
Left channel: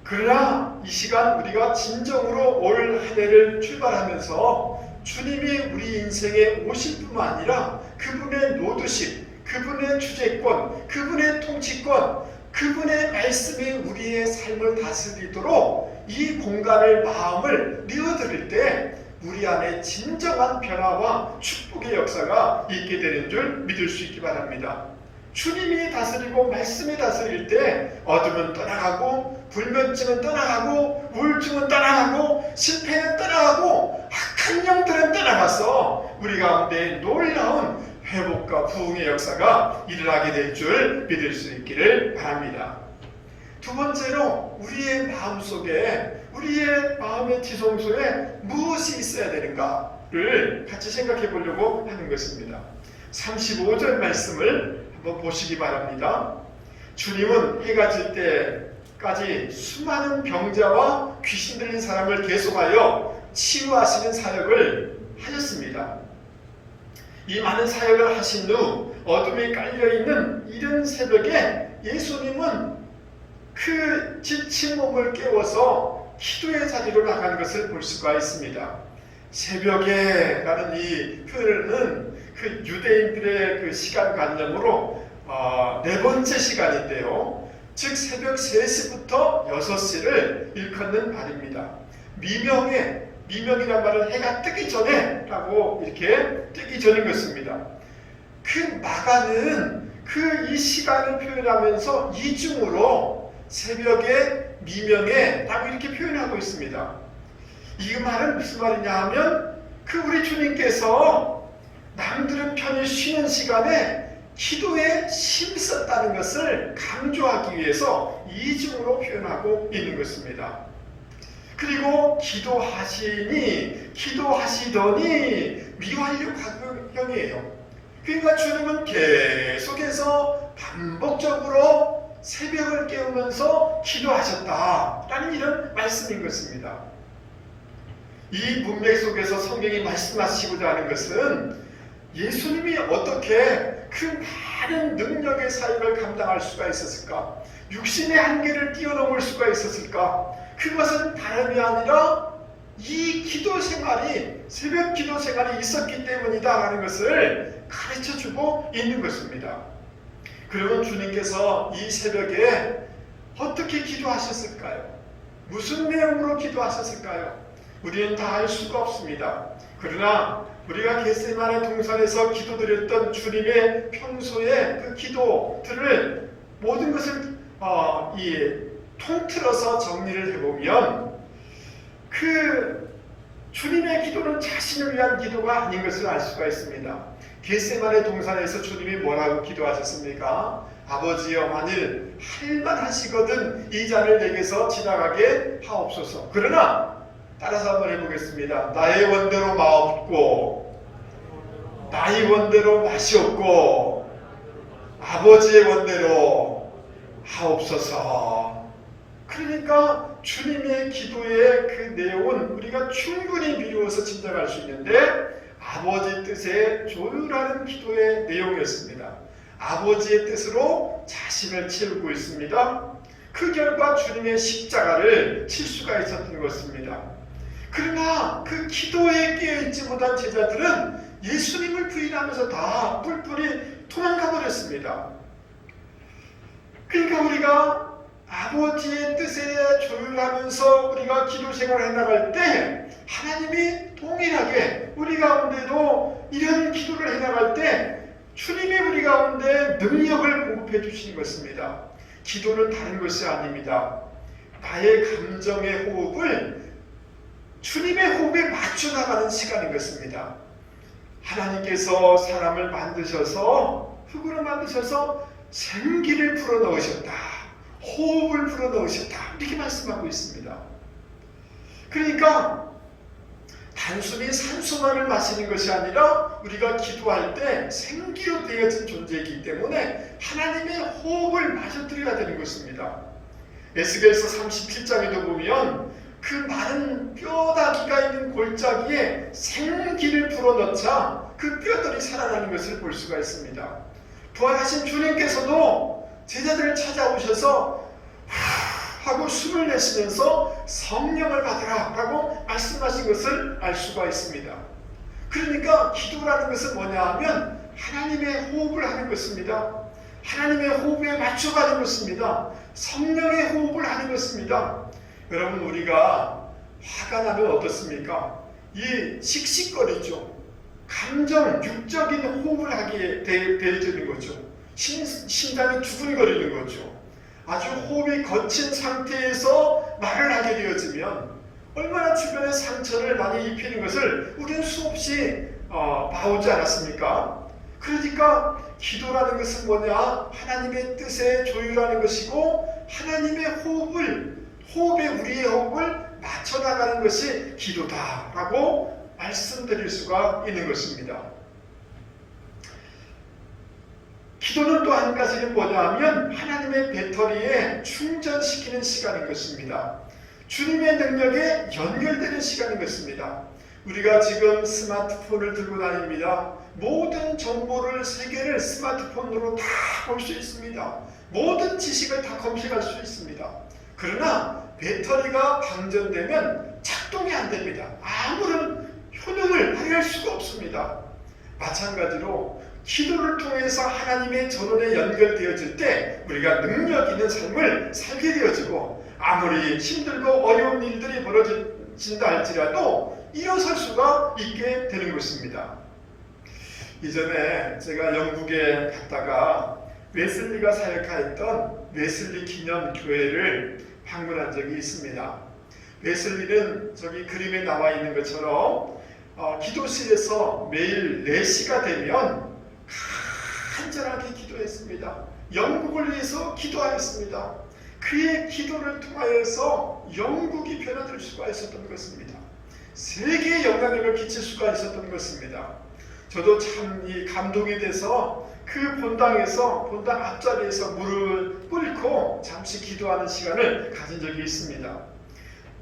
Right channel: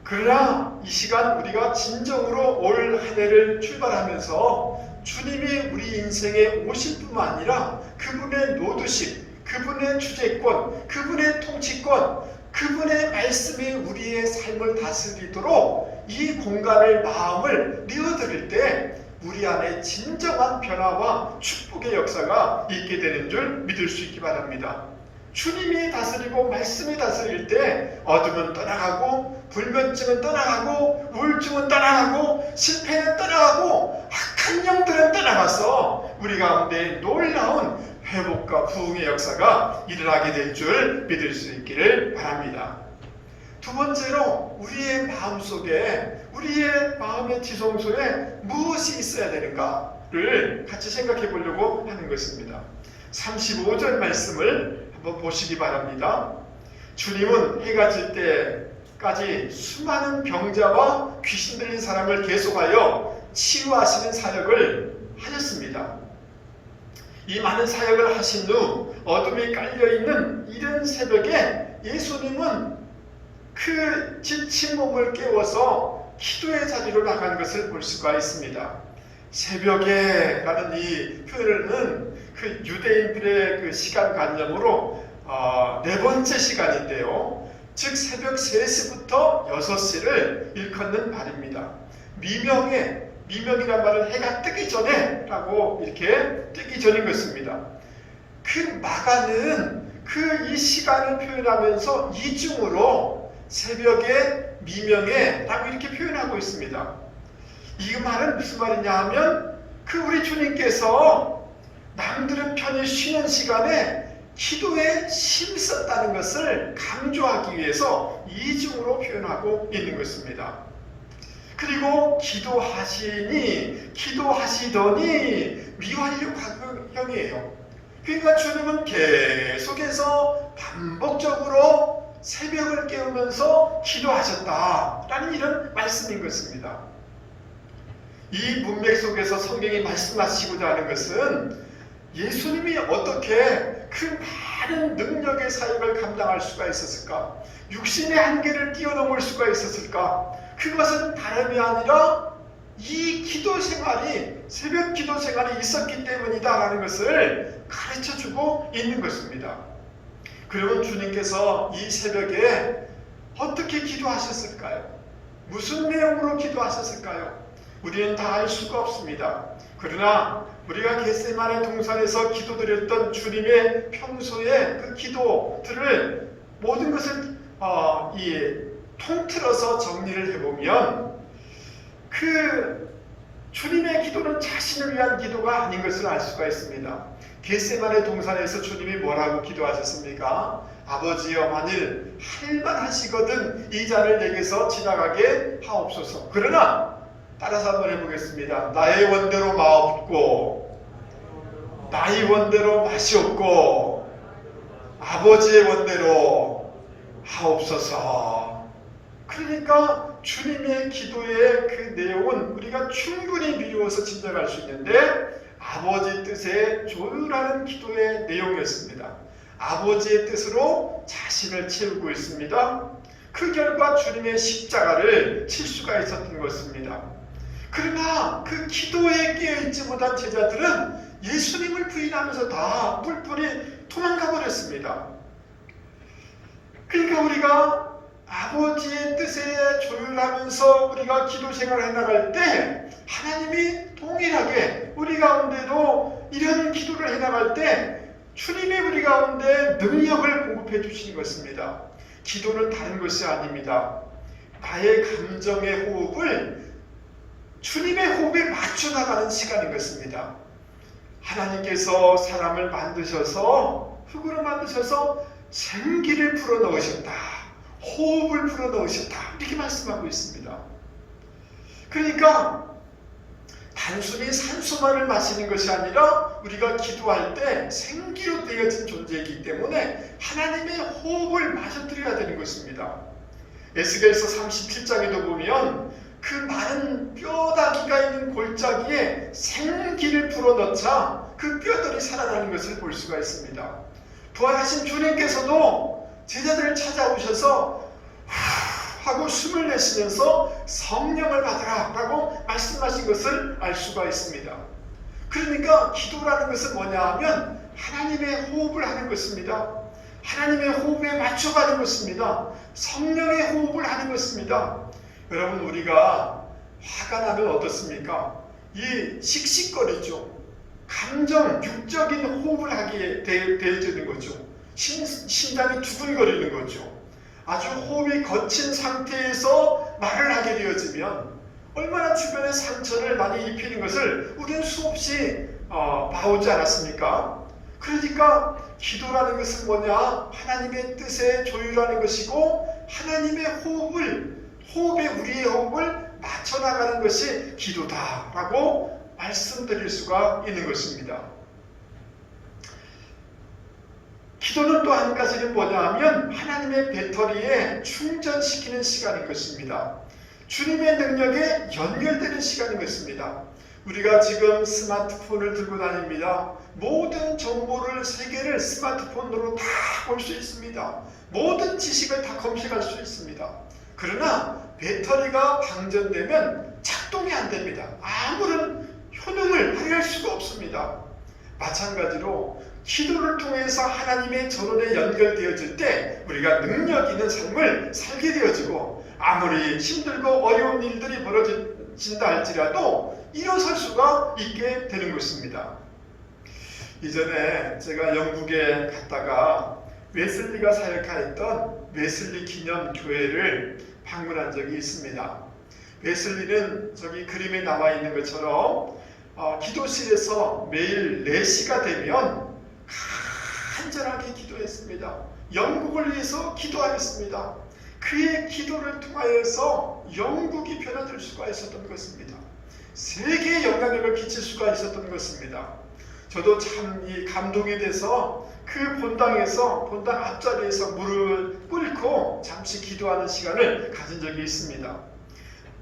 그러나 이 시간 우리가 진정으로 올 한 해를 출발하면서 주님이 우리 인생에 오실 뿐만 아니라 그분의 노드십, 그분의 주재권, 그분의 통치권, 그분의 말씀이 우리의 삶을 다스리도록 이 공간을, 마음을 내어드릴 때 우리 안에 진정한 변화와 축복의 역사가 있게 되는 줄 믿을 수 있기 바랍니다. 주님이 다스리고 말씀이 다스릴 때 어둠은 떠나가고 불면증은 떠나가고 우울증은 떠나가고 실패는 떠나가고 악한 영들은 떠나가서 우리 가운데 놀라운 회복과 부흥의 역사가 일어나게 될 줄 믿을 수 있기를 바랍니다. 두 번째로 우리의 마음속에, 우리의 마음의 지성소에 무엇이 있어야 되는가를 같이 생각해 보려고 하는 것입니다. 35절 말씀을 한번 보시기 바랍니다. 주님은 해가 질 때까지 수많은 병자와 귀신 들린 사람을 계속하여 치유하시는 사역을 하셨습니다. 이 많은 사역을 하신 후 어둠에 깔려있는 이른 새벽에 예수님은 그 지친 몸을 깨워서 기도의 자리로 나간 것을 볼 수가 있습니다. 새벽에 라는 이 표현은 그 유대인들의 그 시간관념으로 네 번째 시간인데요. 즉 새벽 3시부터 6시를 일컫는 말입니다. 미명이란 말은 해가 뜨기 전에 라고 이렇게 뜨기 전인 것입니다. 그 나가는 이 시간을 표현하면서 이중으로 새벽에, 미명에 라고 이렇게 표현하고 있습니다. 이 말은 무슨 말이냐 하면 우리 주님께서 남들은 편히 쉬는 시간에 기도에 힘썼다는 것을 강조하기 위해서 이중으로 표현하고 있는 것입니다. 그리고 기도하시더니 미완료형이에요. 그러니까 주님은 계속해서 반복적으로 새벽을 깨우면서 기도하셨다라는 이런 말씀인 것입니다. 이 문맥 속에서 성경이 말씀하시고자 하는 것은 예수님이 어떻게 그 많은 능력의 사역을 감당할 수가 있었을까? 육신의 한계를 뛰어넘을 수가 있었을까? 그것은 다름이 아니라 이 기도 생활이, 새벽 기도 생활이 있었기 때문이다라는 것을 가르쳐주고 있는 것입니다. 그리고 주님께서 이 새벽에 어떻게 기도하셨을까요? 무슨 내용으로 기도하셨을까요? 우리는 다 알 수가 없습니다. 그러나 우리가 겟세마네 동산에서 기도드렸던 주님의 평소의 그 기도들을 모든 것을 통틀어서 정리를 해보면 그 주님의 기도는 자신을 위한 기도가 아닌 것을 알 수가 있습니다. 겟세마네 동산에서 주님이 뭐라고 기도하셨습니까? 아버지여, 만일 할만하시거든 이 잔을 내게서 지나가게 하옵소서. 그러나 따라서 한번 해보겠습니다. 나의 원대로 마없고 나의 원대로 맛이 없고 아버지의 원대로 하옵소서. 그러니까 주님의 기도의 그 내용은 우리가 충분히 미루어서 진단할 수 있는데 아버지 뜻에 조율하는 기도의 내용이었습니다. 아버지의 뜻으로 자신을 채우고 있습니다. 그 결과 주님의 십자가를 칠 수가 있었던 것입니다. 그러나 그 기도에 깨어있지 못한 제자들은 예수님을 부인하면서 다 뿔뿔이 도망가 버렸습니다. 그러니까 우리가 아버지의 뜻에 조율하면서 우리가 기도 생활을 해나갈 때 하나님이 동일하게 우리 가운데도 이런 기도를 해나갈 때 주님이 우리 가운데 능력을 공급해 주시는 것입니다. 기도는 다른 것이 아닙니다. 나의 감정의 호흡을 주님의 호흡에 맞춰 나가는 시간인 것입니다. 하나님께서 사람을 만드셔서 흙으로 만드셔서 생기를 불어넣으셨다. 호흡을 불어넣으셨다. 이렇게 말씀하고 있습니다. 그러니까 단순히 산소만을 마시는 것이 아니라 우리가 기도할 때 생기로 되어진 존재이기 때문에 하나님의 호흡을 마저 드려야 되는 것입니다. 에스겔서 37장에도 보면 그 마른 뼈다귀가 있는 골짜기에 생기를 불어넣자 그 뼈들이 살아나는 것을 볼 수가 있습니다. 부활하신 주님께서도 제자들을 찾아오셔서 하고 숨을 내쉬면서 성령을 받으라 라고 말씀하신 것을 알 수가 있습니다. 그러니까 기도라는 것은 뭐냐 하면 하나님의 호흡을 하는 것입니다. 하나님의 호흡에 맞춰가는 것입니다. 성령의 호흡을 하는 것입니다. 여러분 우리가 화가 나면 어떻습니까? 이 씩씩거리죠. 감정, 육적인 호흡을 하기에 되어지는 거죠. 심장이 두근거리는 거죠. 아주 호흡이 거친 상태에서 말을 하게 되어지면 얼마나 주변의 상처를 많이 입히는 것을 우리는 수없이 봐오지 않았습니까? 그러니까 기도라는 것은 뭐냐? 하나님의 뜻에 조율하는 것이고 하나님의 호흡에 우리의 호흡을 맞춰나가는 것이 기도다라고 말씀드릴 수가 있는 것입니다. 기도는 또 한 가지는 뭐냐 하면 하나님의 배터리에 충전시키는 시간인 것입니다. 주님의 능력에 연결되는 시간인 것입니다. 우리가 지금 스마트폰을 들고 다닙니다. 모든 정보를 세계를 스마트폰으로 다 볼 수 있습니다. 모든 지식을 다 검색할 수 있습니다. 그러나 배터리가 방전되면 작동이 안 됩니다. 아무런 효능을 발휘할 수가 없습니다. 마찬가지로 기도를 통해서 하나님의 전원에 연결되어질 때 우리가 능력 있는 삶을 살게 되어지고 아무리 힘들고 어려운 일들이 벌어진다 할지라도 일어설 수가 있게 되는 것입니다. 이전에 제가 영국에 갔다가 웨슬리가 사역하였던 웨슬리 기념교회를 방문한 적이 있습니다. 웨슬리는 저기 그림에 나와 있는 것처럼 기도실에서 매일 4시가 되면 간절하게 기도했습니다. 영국을 위해서 기도하였습니다. 그의 기도를 통하여서 영국이 변화될 수가 있었던 것입니다. 세계에 영향력을 끼칠 수가 있었던 것입니다. 저도 참 이 감동이 돼서 그 본당 앞자리에서 무릎을 꿇고 잠시 기도하는 시간을 가진 적이 있습니다.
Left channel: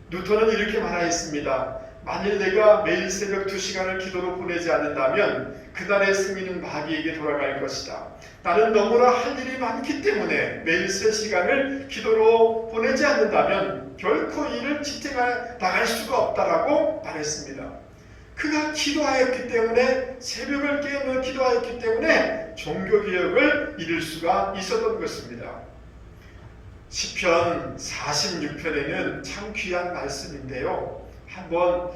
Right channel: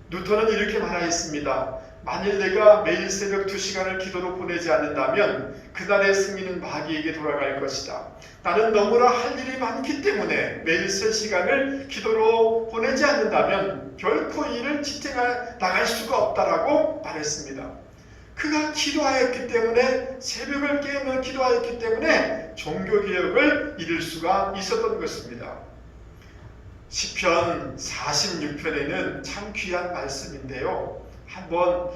누턴은 이렇게 말하였습니다. 만일 내가 매일 새벽 2시간을 기도로 보내지 않는다면 그날의 승리는 마귀에게 돌아갈 것이다. 나는 너무나 할 일이 많기 때문에 매일 3시간을 기도로 보내지 않는다면 결코 이를 지탱해 나갈 수가 없다라고 말했습니다. 그가 기도하였기 때문에 새벽을 깨우며 기도하였기 때문에 종교개혁을 이룰 수가 있었던 것입니다. 시편 46편에는 참 귀한 말씀인데요. 한번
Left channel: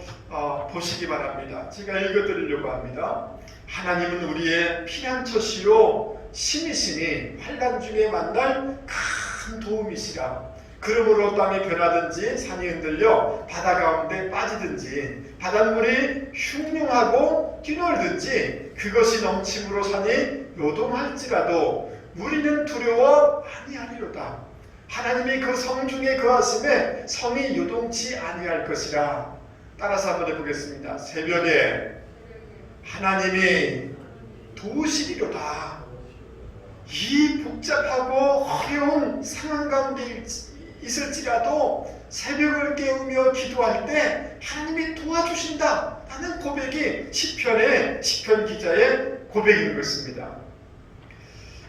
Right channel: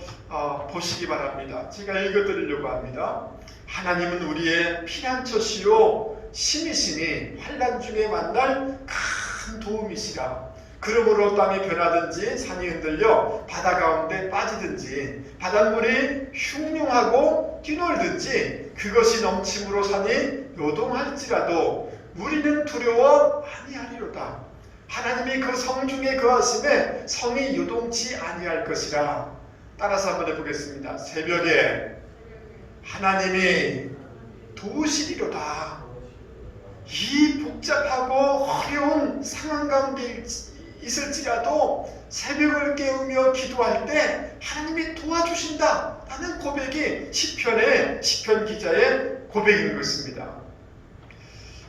보시기 바랍니다. 제가 읽어드리려고 합니다. 하나님은 우리의 피난처시로 신이시니 환난 중에 만날 큰 도움이시라. 그러므로 땅이 변하든지 산이 흔들려 바다 가운데 빠지든지 바닷물이 흉흉하고 뛰놀든지 그것이 넘침으로 산이 요동할지라도 우리는 두려워 아니하리로다. 하나님이 그 성중에 거하심에 성이 요동치 아니할 것이라. 따라서 한번 해보겠습니다. 새벽에 하나님이 도우시리로다. 이 복잡하고 어려운 상황 가운데 있을지라도 새벽을 깨우며 기도할 때 하나님이 도와주신다 하는 고백이 시편 기자의 고백인 것입니다.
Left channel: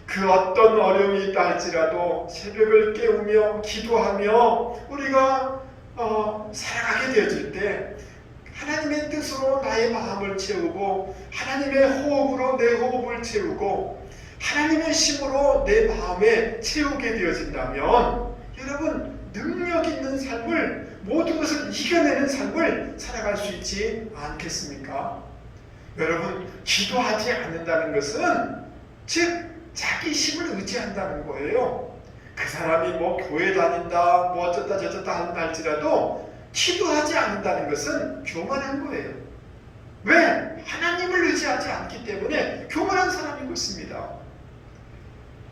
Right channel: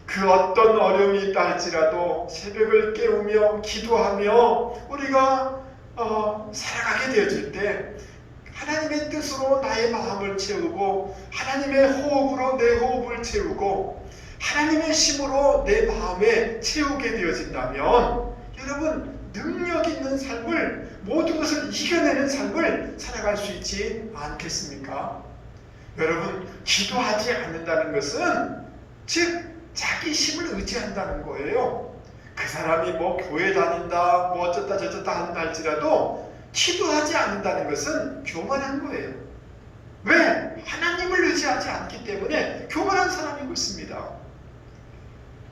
그 어떤 어려움이 있다 할지라도 새벽을 깨우며 기도하며 우리가 살아가게 되어질 때 하나님의 뜻으로 나의 마음을 채우고 하나님의 호흡으로 내 호흡을 채우고 하나님의 힘으로 내 마음에 채우게 되어진다면 여러분 능력 있는 삶을 모든 것을 이겨내는 삶을 살아갈 수 있지 않겠습니까? 여러분 기도하지 않는다는 것은 즉 자기 힘을 의지한다는 거예요. 그 사람이 뭐 교회 다닌다 뭐 어쩌다 저쩌다 한다 할지라도 기도하지 않는다는 것은 교만한 거예요. 왜? 하나님을 의지하지 않기 때문에 교만한 사람인 것입니다.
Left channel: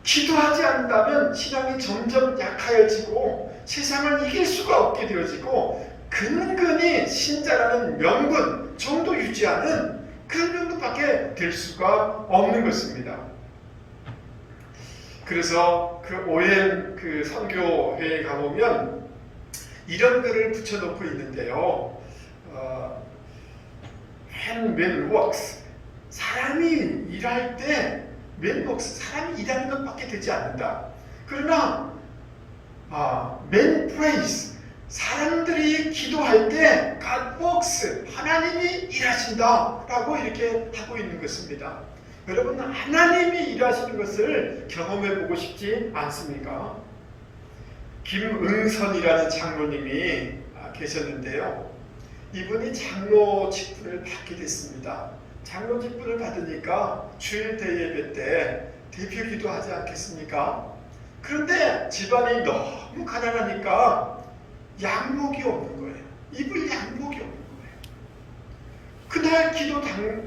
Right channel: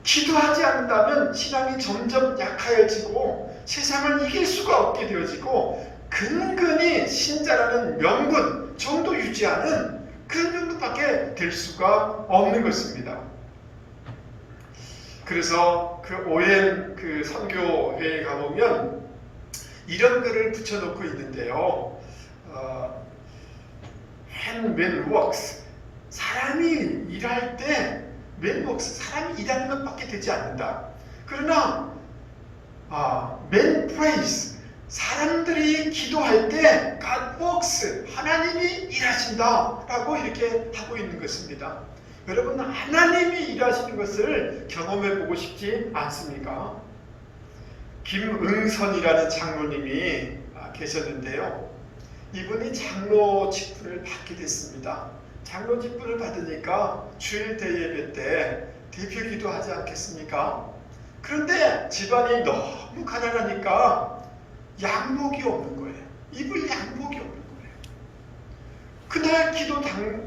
기도하지 않는다면 신앙이 점점 약하여지고 세상을 이길 수가 없게 되어지고 근근히 신자라는 명분 정도 유지하는 그런 정도밖에 될 수가 없는 것입니다. 그래서 그 오랜 그 선교회에 가보면 이런 글을 붙여놓고 있는데요. when works 사람이 일할 때 when works 사람이 일하는 것밖에 되지 않는다. 그러나 when prays 사람들이 기도할 때 God works 하나님이 일하신다 라고 이렇게 하고 있는 것입니다. 여러분 하나님이 일하시는 것을 경험해 보고 싶지 않습니까? 김응선이라는 장로님이 계셨는데요. 이분이 장로 직분을 받게 됐습니다. 장로 직분을 받으니까 주일 대예배 때 대표기도 하지 않겠습니까? 그런데 집안이 너무 가난하니까 양복이 없는 거예요. 입을 양복이 없는 거예요. 그날 기도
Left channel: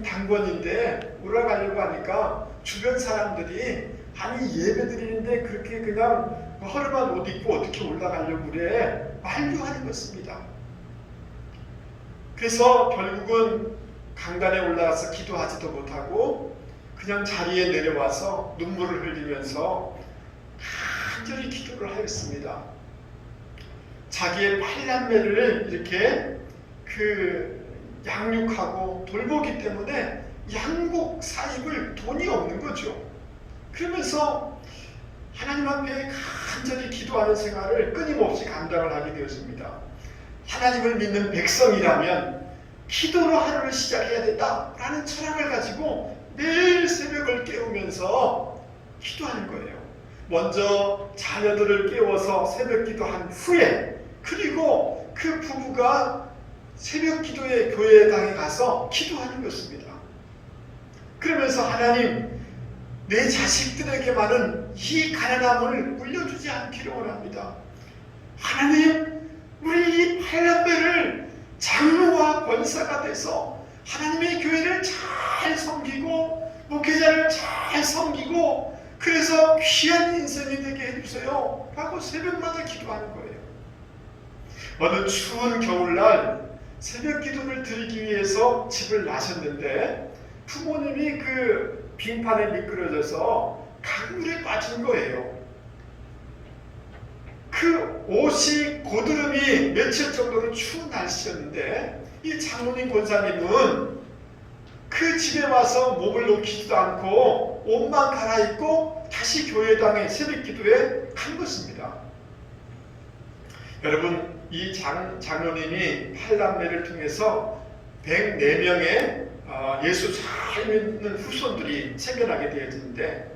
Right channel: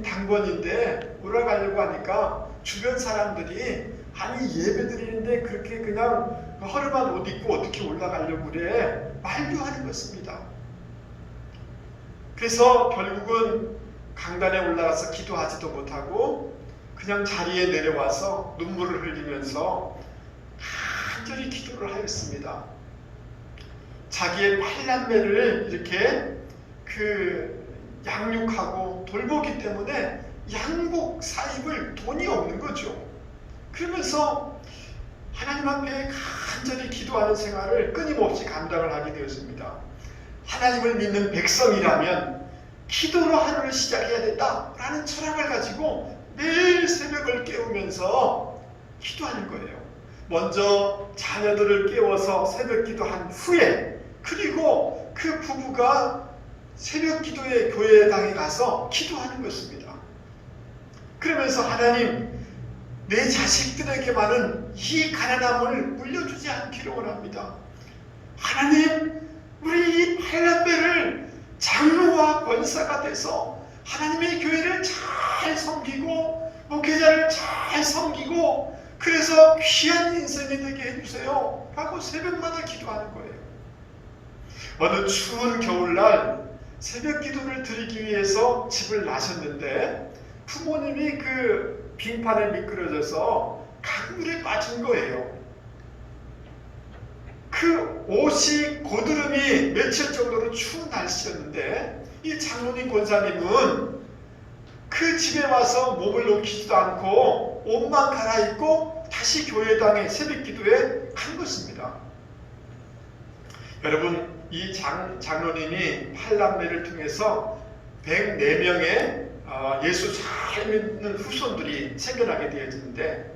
당번인데 올라가려고 하니까 주변 사람들이 아니 예배 드리는데 그렇게 그냥 허름한 옷 입고 어떻게 올라가려고 그래 말도 하는 것입니다. 그래서 결국은 강단에 올라가서 기도하지도 못하고 그냥 자리에 내려와서 눈물을 흘리면서 간절히 기도를 하였습니다. 자기의 팔남매를 이렇게 양육하고 돌보기 때문에 양복 사입을 돈이 없는 거죠. 그러면서 하나님 앞에 간절히 기도하는 생활을 끊임없이 감당을 하게 되었습니다. 하나님을 믿는 백성이라면 기도로 하루를 시작해야 된다라는 철학을 가지고 매일 새벽을 깨우면서 기도하는 거예요. 먼저 자녀들을 깨워서 새벽 기도한 후에 그리고 그 부부가 새벽 기도의 교회당에 가서 기도하는 것입니다. 그러면서 하나님 내 자식들에게만은 이 가난함을 물려주지 않기를 원합니다. 하나님 우리 이 팔남매를 장로와 권사가 돼서 하나님의 교회를 잘 섬기고 목회자를 잘 섬기고 그래서 귀한 인생이 되게 해주세요 하고 새벽마다 기도하는 거예요. 어느 추운 겨울날 새벽 기도를 드리기 위해서 집을 나셨는데 부모님이 그 빙판에 미끄러져서 강물에 빠진 거예요. 그 옷이 고드름이 며칠 정도로 추운 날씨였는데 이 장로님 권사님은 그 집에 와서 몸을 녹이지도 않고 옷만 갈아입고 다시 교회당에 새벽 기도에 간 것입니다. 여러분 이 장로님이 팔남매를 통해서 104명의 예수 잘 믿는 후손들이 생겨나게 되어지는데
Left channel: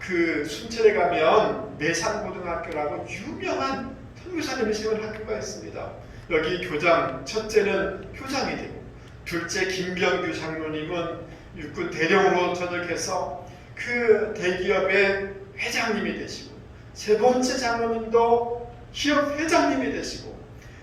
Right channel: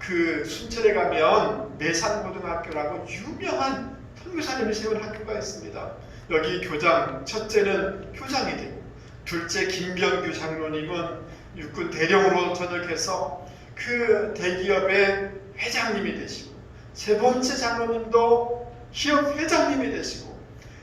그 순천에 가면 내산고등학교라고 유명한 선교사님이 세운 학교가 있습니다. 여기 교장, 첫째는 교장이 되고 둘째 김경규 장로님은 육군 대령으로 전역해서 그 대기업의 회장님이 되시고 세 번째 장로님도 기업 회장님이 되시고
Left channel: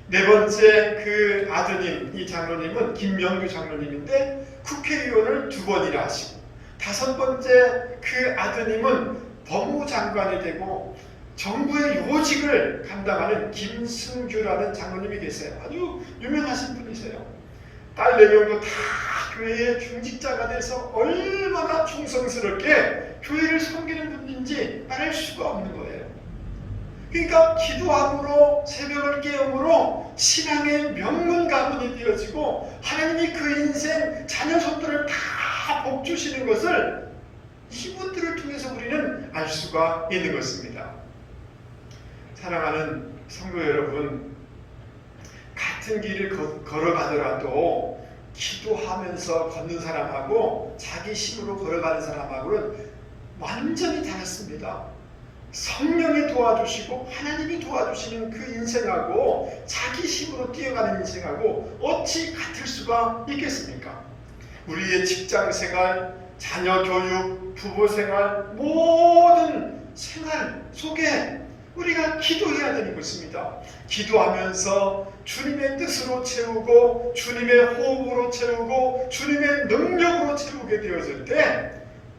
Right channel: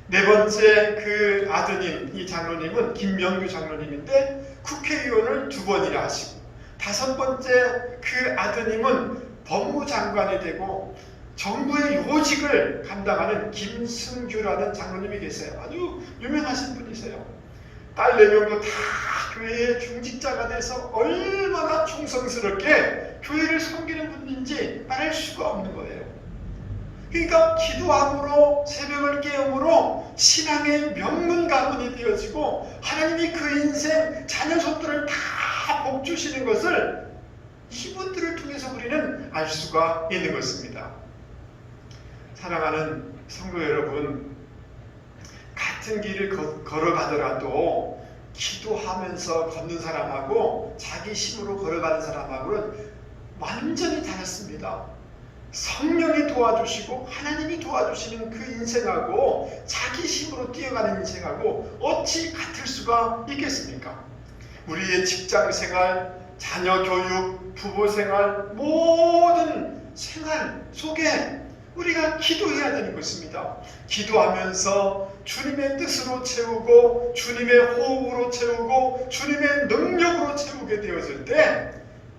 네 번째 그 아드님 이 장로님은 김명규 장로님인데 국회의원을 2번이나 하시고 다섯 번째 그 아드님은 법무장관이 되고 정부의 요직을 감당하는 김승규라는 장로님이 계세요. 아주 유명하신 분이세요. 딸 4명도 다 교회의 중직자가 돼서 얼마나 충성스럽게 교회를 섬기는 분인지 알 수가 없는 거예요. 그러니까 기도함으로 새벽을 깨움으로 신앙의 명문 가문이 되어지고 하나님이 그 인생 자녀 손들을 다 복주시는 것을 이분들을 통해서 우리는 알 수가 있는 것입니다. 사랑하는 성도 여러분, 같은 길을 걸어가더라도 기도하면서 걷는 사람하고 자기 힘으로 걸어가는 사람하고는 완전히 다릅니다. 성령이 도와주시고 하나님이 도와주시는 그 인생하고 자기 힘으로 뛰어가는 인생하고 어찌 같을 수가 있겠습니까? 우리의 직장생활, 자녀 교육, 부부생활, 모든 생활 속에 우리가 기도해야 되는 것입니다. 기도하면서 주님의 뜻으로 채우고 주님의 호흡으로 채우고 주님의 능력으로 채우게 되었을 때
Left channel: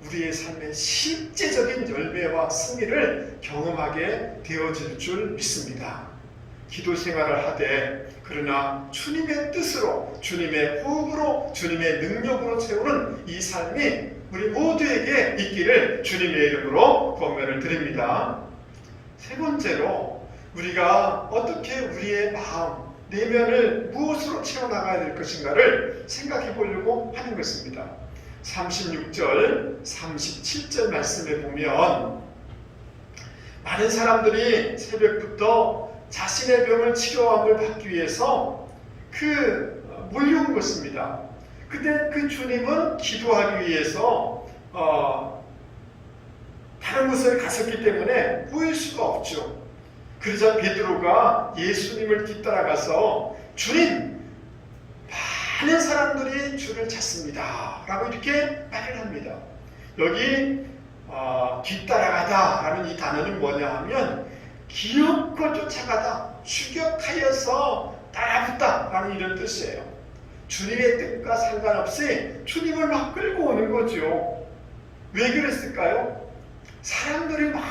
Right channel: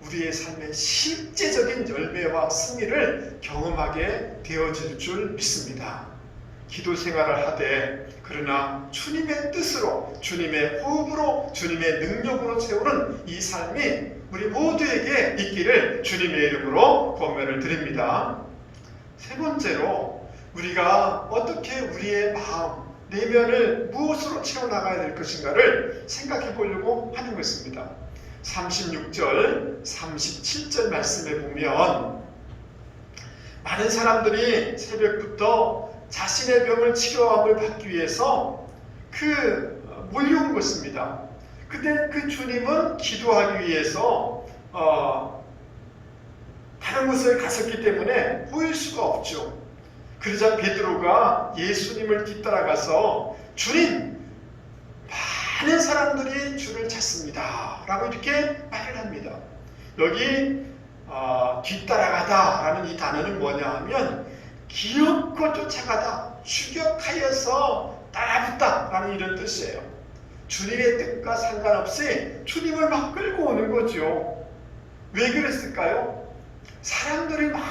우리의 삶의 실제적인 열매와 승리를 경험하게 되어질 줄 믿습니다. 기도 생활을 하되 그러나 주님의 뜻으로 주님의 호흡으로 주님의 능력으로 채우는 이 삶이 우리 모두에게 있기를 주님의 이름으로 권면을 드립니다. 세 번째로 우리가 어떻게 우리의 마음, 내면을 무엇으로 채워나가야 될 것인가를 생각해 보려고 하는 것입니다. 36절, 37절 말씀에 보면 많은 사람들이 새벽부터 자신의 병을 치료함을 받기 위해서 몰려온 것입니다. 근데 그 주님은 기도하기 위해서 다른 곳을 갔었기 때문에 보일 수가 없죠. 그러자 베드로가 예수님을 뒤따라가서 주님, 많은 사람들이 주를 찾습니다 라고 이렇게 말을 합니다. 여기 뒤따라가다 라는 이 단어는 뭐냐 하면 기웃고 쫓아가다, 추격하여서 따라붙다 라는 이런 뜻이에요. 주님의 뜻과 상관없이 주님을 막 끌고 오는 거죠. 왜 그랬을까요? 사람들이 막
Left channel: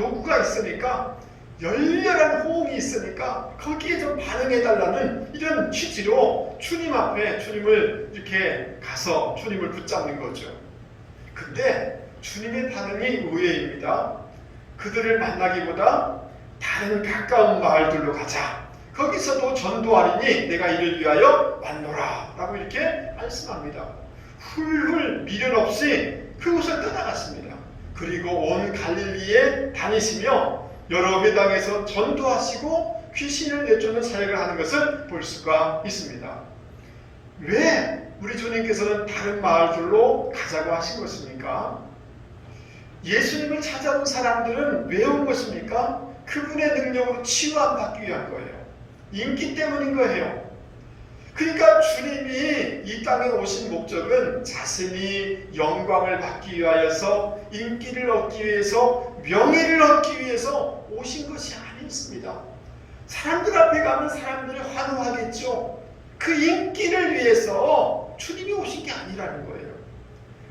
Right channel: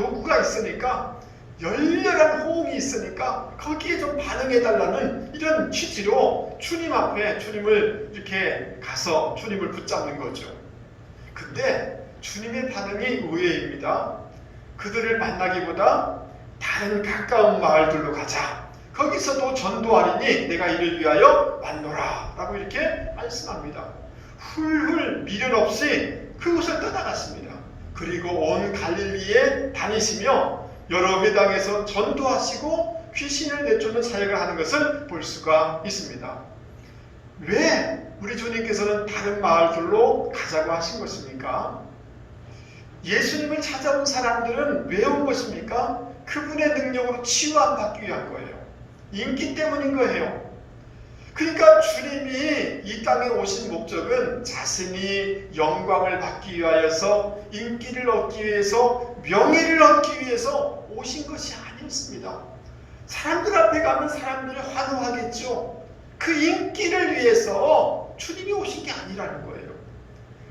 요구가 있으니까, 열렬한 호응이 있으니까 거기에 좀 반응해달라는 이런 취지로 주님 앞에 주님을 이렇게 가서 주님을 붙잡는 거죠. 근데 주님의 반응이 의외입니다. 그들을 만나기보다 다른 가까운 마을들로 가자. 거기서도 전도하리니 내가 이를 위하여 왔노라 라고 이렇게 말씀합니다. 훌훌 미련 없이 그곳을 떠나갔습니다. 그리고 온 갈릴리에 다니시며 여러 회당에서 전도하시고 귀신을 내쫓는 사역을 하는 것을 볼 수가 있습니다. 왜 우리 주님께서는 다른 마을들로 가자고 하신 것입니까? 예수님을 찾아온 사람들은 왜 온 것입니까? 그분의 능력으로 치유받기 위한 거예요. 인기 때문인 거예요. 그러니까 주님이 이 땅에 오신 목적은 자신이 영광을 받기 위하여서, 인기를 얻기 위해서, 명예를 얻기 위해서 오신 것이 아니었습니다. 사람들 앞에 가면 사람들이 환호하겠죠. 그 인기를 위해서 주님이 오신 게 아니라는 거예요.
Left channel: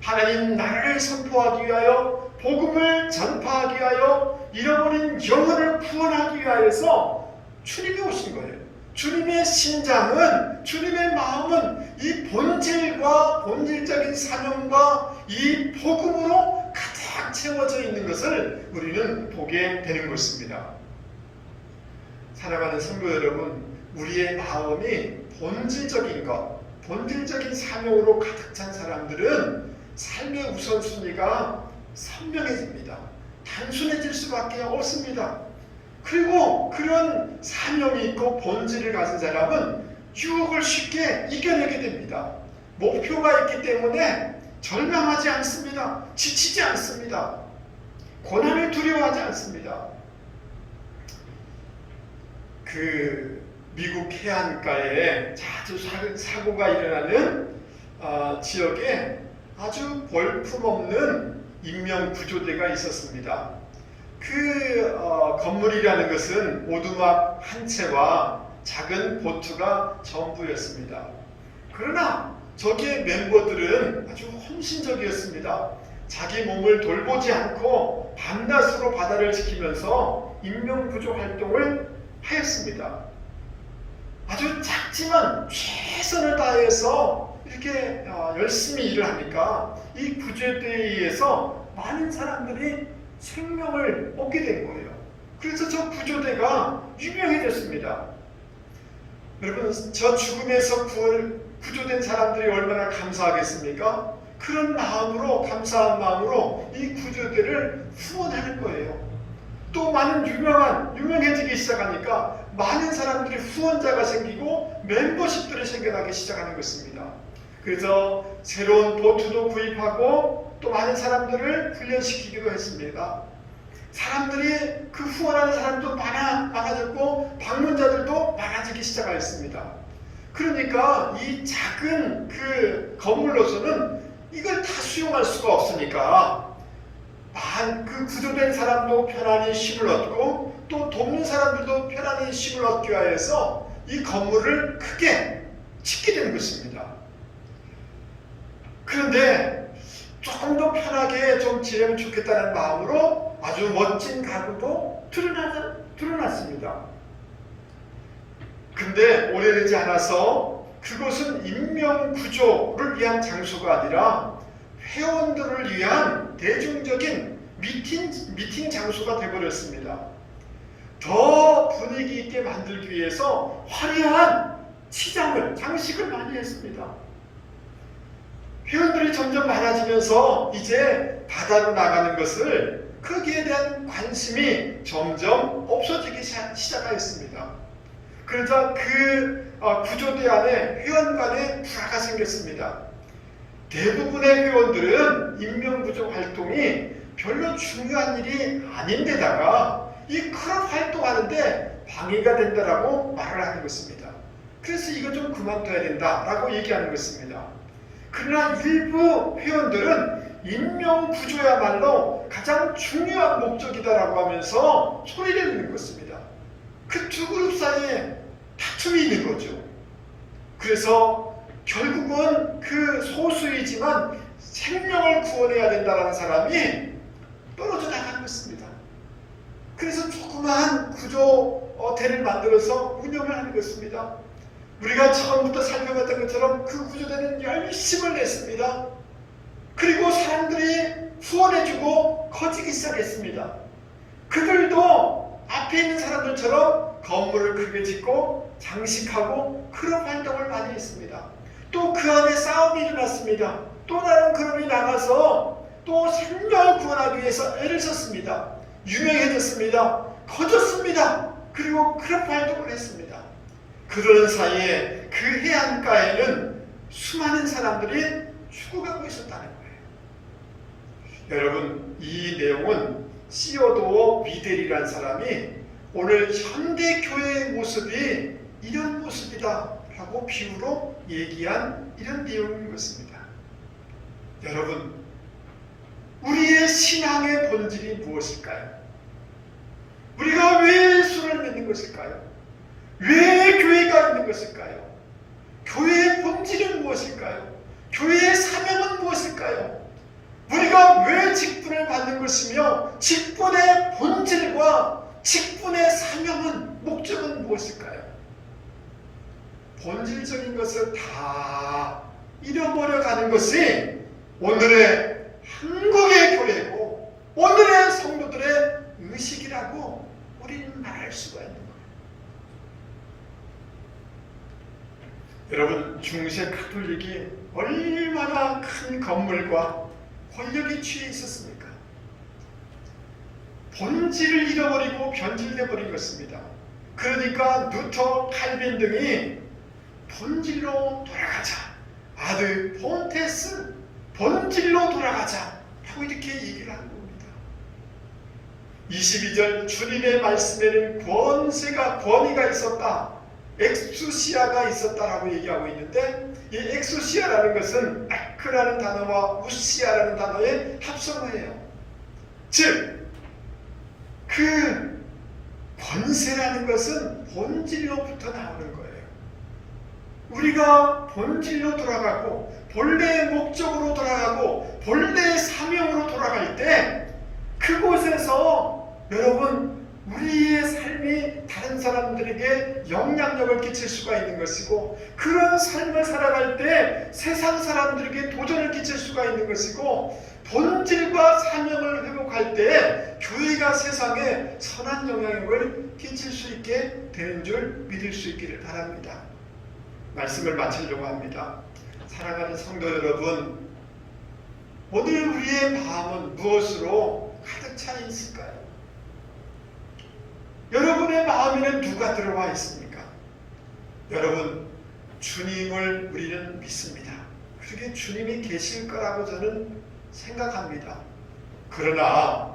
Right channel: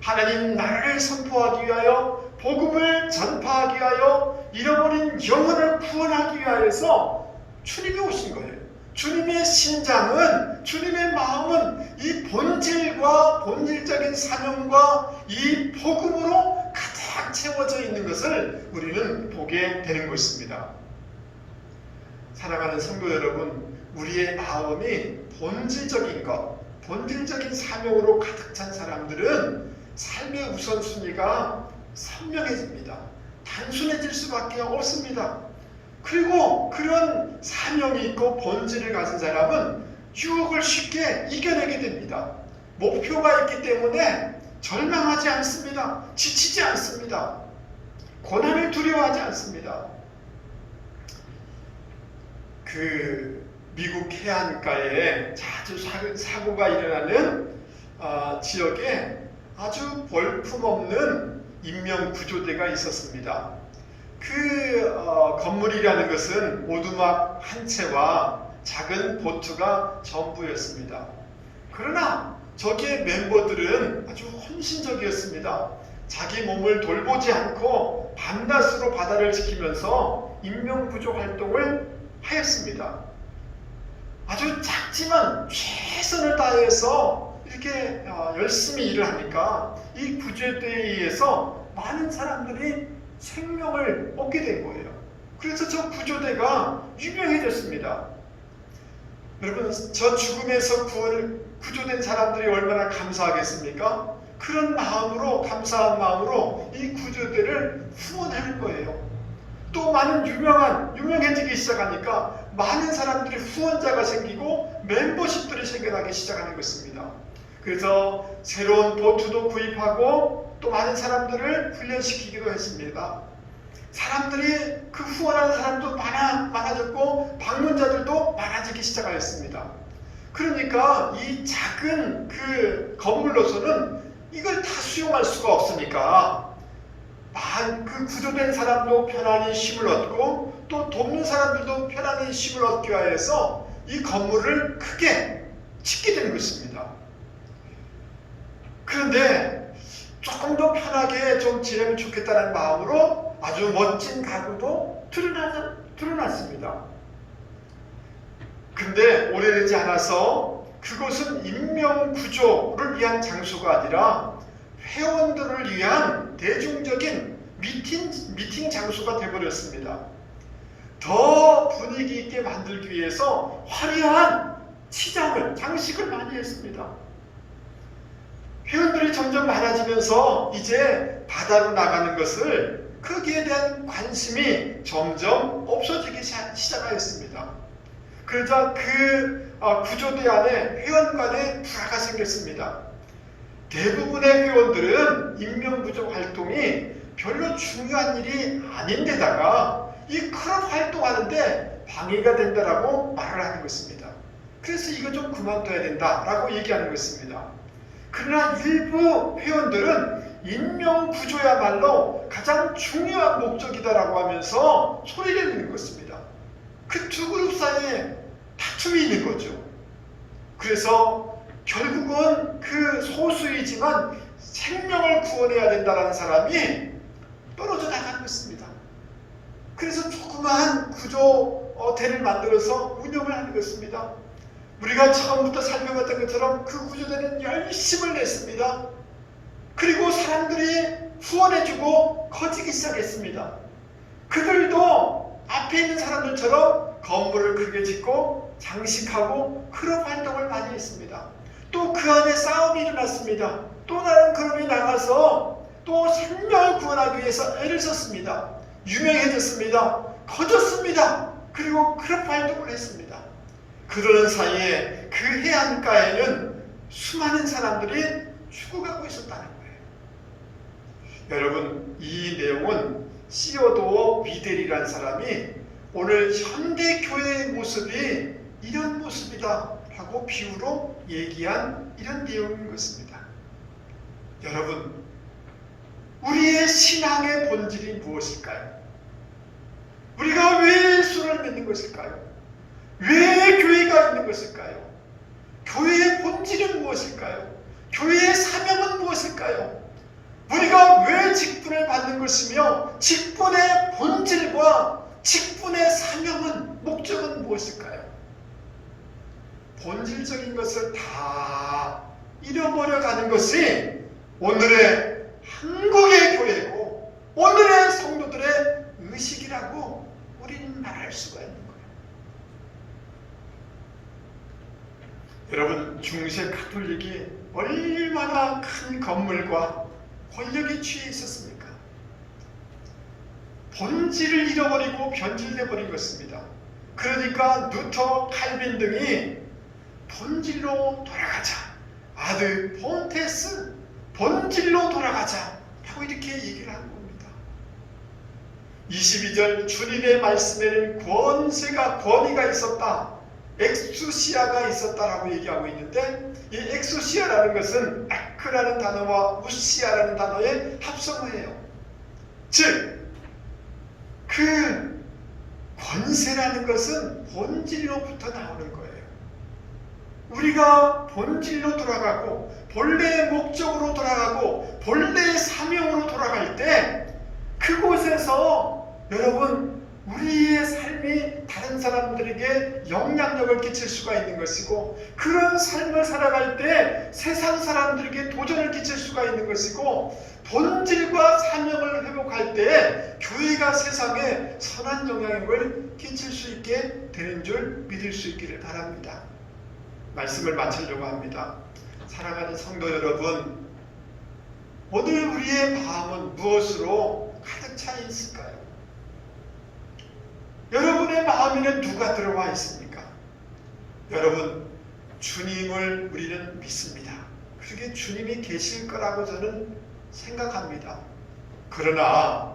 하나님 나라를 선포하기 위하여, 복음을 전파하기 위하여, 잃어버린 영혼을 구원하기 위하여서 주님이 오신 거예요. 주님의 심장은, 주님의 마음은 이 본질과 본질적인 사명과 이 복음으로 가득 채워져 있는 것을 우리는 보게 되는 것입니다. 사랑하는 성도 여러분, 우리의 마음이 본질적인 것, 본질적인 사명으로 가득 찬 사람들은 삶의 우선순위가 선명해집니다. 단순해질 수밖에 없습니다. 그리고 그런 사명이 있고 본질을 가진 사람은 유혹을 쉽게 이겨내게 됩니다. 목표가 있기 때문에 절망하지 않습니다. 지치지 않습니다. 고난을 두려워하지 않습니다. 미국 해안가에 자주 사고가 일어나는 지역에 아주 볼품없는 인명구조대가 있었습니다. 건물이라는 것은 오두막 한 채와 작은 보트가 전부였습니다. 그러나 저기의 멤버들은 아주 헌신적이었습니다. 자기 몸을 돌보지 않고 밤낮으로 바다를 지키면서 인명구조 활동을 하였습니다. 아주 작지만 최선을 다해서 이렇게 열심히 일을 하니까 이 구조대에 의해서 많은 사람들이 생명을 얻게 된 거예요. 그래서 저 구조대가 유명해졌습니다. 여러분, 저 죽음에서 구조된 사람들이 얼마나 감사하겠습니까? 그런 마음으로, 감사한 마음으로 이 구조대를 후원하는 거예요. 또 많은 유명해지기 시작하니까 많은 사람들이 후원자가 생기고 멤버십들이 생겨나기 시작하는 것입니다. 그래서 새로운 보트도 구입하고 또 많은 사람들을 훈련시키기도 했습니다. 사람들이 그 후원하는 사람도 많아졌고 방문자들도 많아지기 시작하였습니다. 그러니까 이 작은 그 건물로서는 이걸 다 수용할 수가 없으니까 그 구조된 사람도 편안히 쉼을 얻고 또 돕는 사람들도 편안히 쉼을 얻기 위해서 이 건물을 크게 짓게 된 것입니다. 그런데 조금 더 편하게 좀 지내면 좋겠다는 마음으로 아주 멋진 가구도 드러났습니다. 근데 오래되지 않아서 그곳은 인명구조를 위한 장소가 아니라 회원들을 위한 대중적인 미팅 장소가 되어버렸습니다. 더 분위기 있게 만들기 위해서 화려한 장식을 많이 했습니다. 회원들이 점점 많아지면서 이제 바다로 나가는 것을 거기에 대한 관심이 점점 없어지기 시작하였습니다. 그러자 그 구조대 안에 회원 간에 불화가 생겼습니다. 대부분의 회원들은 인명구조 활동이 별로 중요한 일이 아닌데다가 이 클럽 활동하는데 방해가 된다라고 말을 하는 것입니다. 그래서 이거 좀 그만둬야 된다라고 얘기하는 것입니다. 그러나 일부 회원들은 인명구조야말로 가장 중요한 목적이다라고 하면서 소리를 내는 것입니다. 그 두 그룹 사이에 다툼이 있는 거죠. 그래서 결국은 그 소수이지만 생명을 구원해야 된다는 사람이 떨어져 나가는 것입니다. 그래서 조그마한 구조대를 만들어서 운영을 하는 것입니다. 우리가 처음부터 살펴봤던 것처럼 그 구조대는 열심을 냈습니다. 그리고 사람들이 후원해주고 커지기 시작했습니다. 그들도 앞에 있는 사람들처럼 건물을 크게 짓고 장식하고 그런 활동을 많이 했습니다. 또 그 안에 싸움이 일어났습니다. 또 다른 그룹이 나가서 또 생명을 구원하기 위해서 애를 썼습니다. 유명해졌습니다. 커졌습니다. 그리고 그런 활동을 했습니다. 그러는 사이에 그 해안가에는 수많은 사람들이 죽어가고 있었다는 거예요. 여러분, 이 내용은 시어도어 미델이라는 사람이 오늘 현대교회의 모습이 이런 모습이다 하고 비유로 얘기한 이런 내용인 것입니다. 여러분, 우리의 신앙의 본질이 무엇일까요? 우리가 왜 예수를 믿는 것일까요? 왜 교회가 있는 것일까요? 교회의 본질은 무엇일까요? 교회의 사명은 무엇일까요? 우리가 왜 직분을 받는 것이며 직분의 본질과 직분의 사명은 목적은 무엇일까요? 본질적인 것을 다 잃어버려가는 것이 오늘의 한국의 교회고 오늘의 성도들의 의식이라고 우리는 말할 수가 있는 거예요. 여러분, 중세 카톨릭이 얼마나 큰 건물과 권력에 취해 있었습니까? 본질을 잃어버리고 변질돼버린 것입니다. 그러니까 루터, 칼빈 등이 본질로 돌아가자, 아들 폰테스 본질로 돌아가자 하고 이렇게 얘기를 하는 겁니다. 22절 주님의 말씀에는 권위가 있었다, 엑수시아가 있었다라고 얘기하고 있는데, 이 엑수시아라는 것은 아크라는 단어와 우시아라는 단어의 합성을 해요. 즉, 그 권세라는 것은 본질로부터 나오는 거예요. 우리가 본질로 돌아가고 본래의 목적으로 돌아가고 본래의 사명으로 돌아갈 때 그곳에서 여러분 우리의 삶이 다른 사람들에게 영향력을 끼칠 수가 있는 것이고, 그런 삶을 살아갈 때 세상 사람들에게 도전을 끼칠 수가 있는 것이고, 본질과 사명을 회복할 때 교회가 세상에 선한 영향력을 끼칠 수 있게 되는 줄 믿을 수 있기를 바랍니다. 말씀을 마치려고 합니다. 사랑하는 성도 여러분, 오늘 우리의 마음은 무엇으로 가득 차 있을까요? 여러분의 마음에는 누가 들어와 있습니까? 여러분, 주님을 우리는 믿습니다. 그게 주님이 계실 거라고 저는 생각합니다. 그러나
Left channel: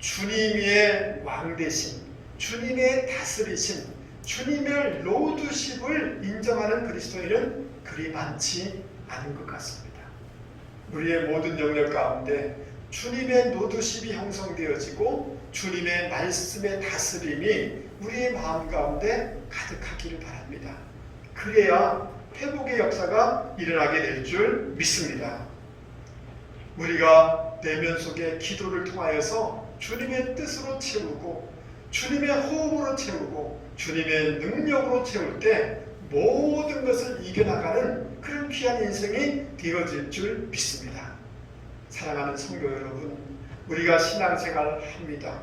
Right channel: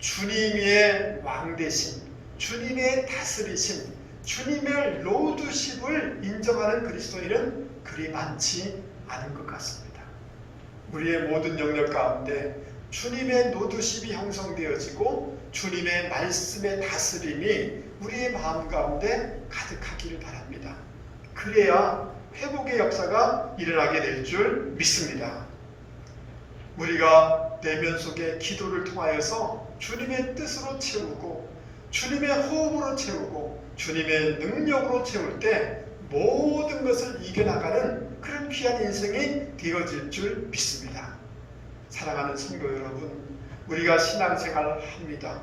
주님의 왕되심, 주님의 다스리심, 주님의 로드십을 인정하는 그리스도인은 그리 많지 않은 것 같습니다. 우리의 모든 영역 가운데 주님의 로드십이 형성되어지고 주님의 말씀의 다스림이 우리의 마음 가운데 가득하기를 바랍니다. 그래야 회복의 역사가 일어나게 될 줄 믿습니다. 우리가 내면 속에 기도를 통하여서 주님의 뜻으로 채우고 주님의 호흡으로 채우고 주님의 능력으로 채울 때 모든 것을 이겨나가는 그런 귀한 인생이 되어질 줄 믿습니다. 사랑하는 성도 여러분, 우리가 신앙생활을 합니다.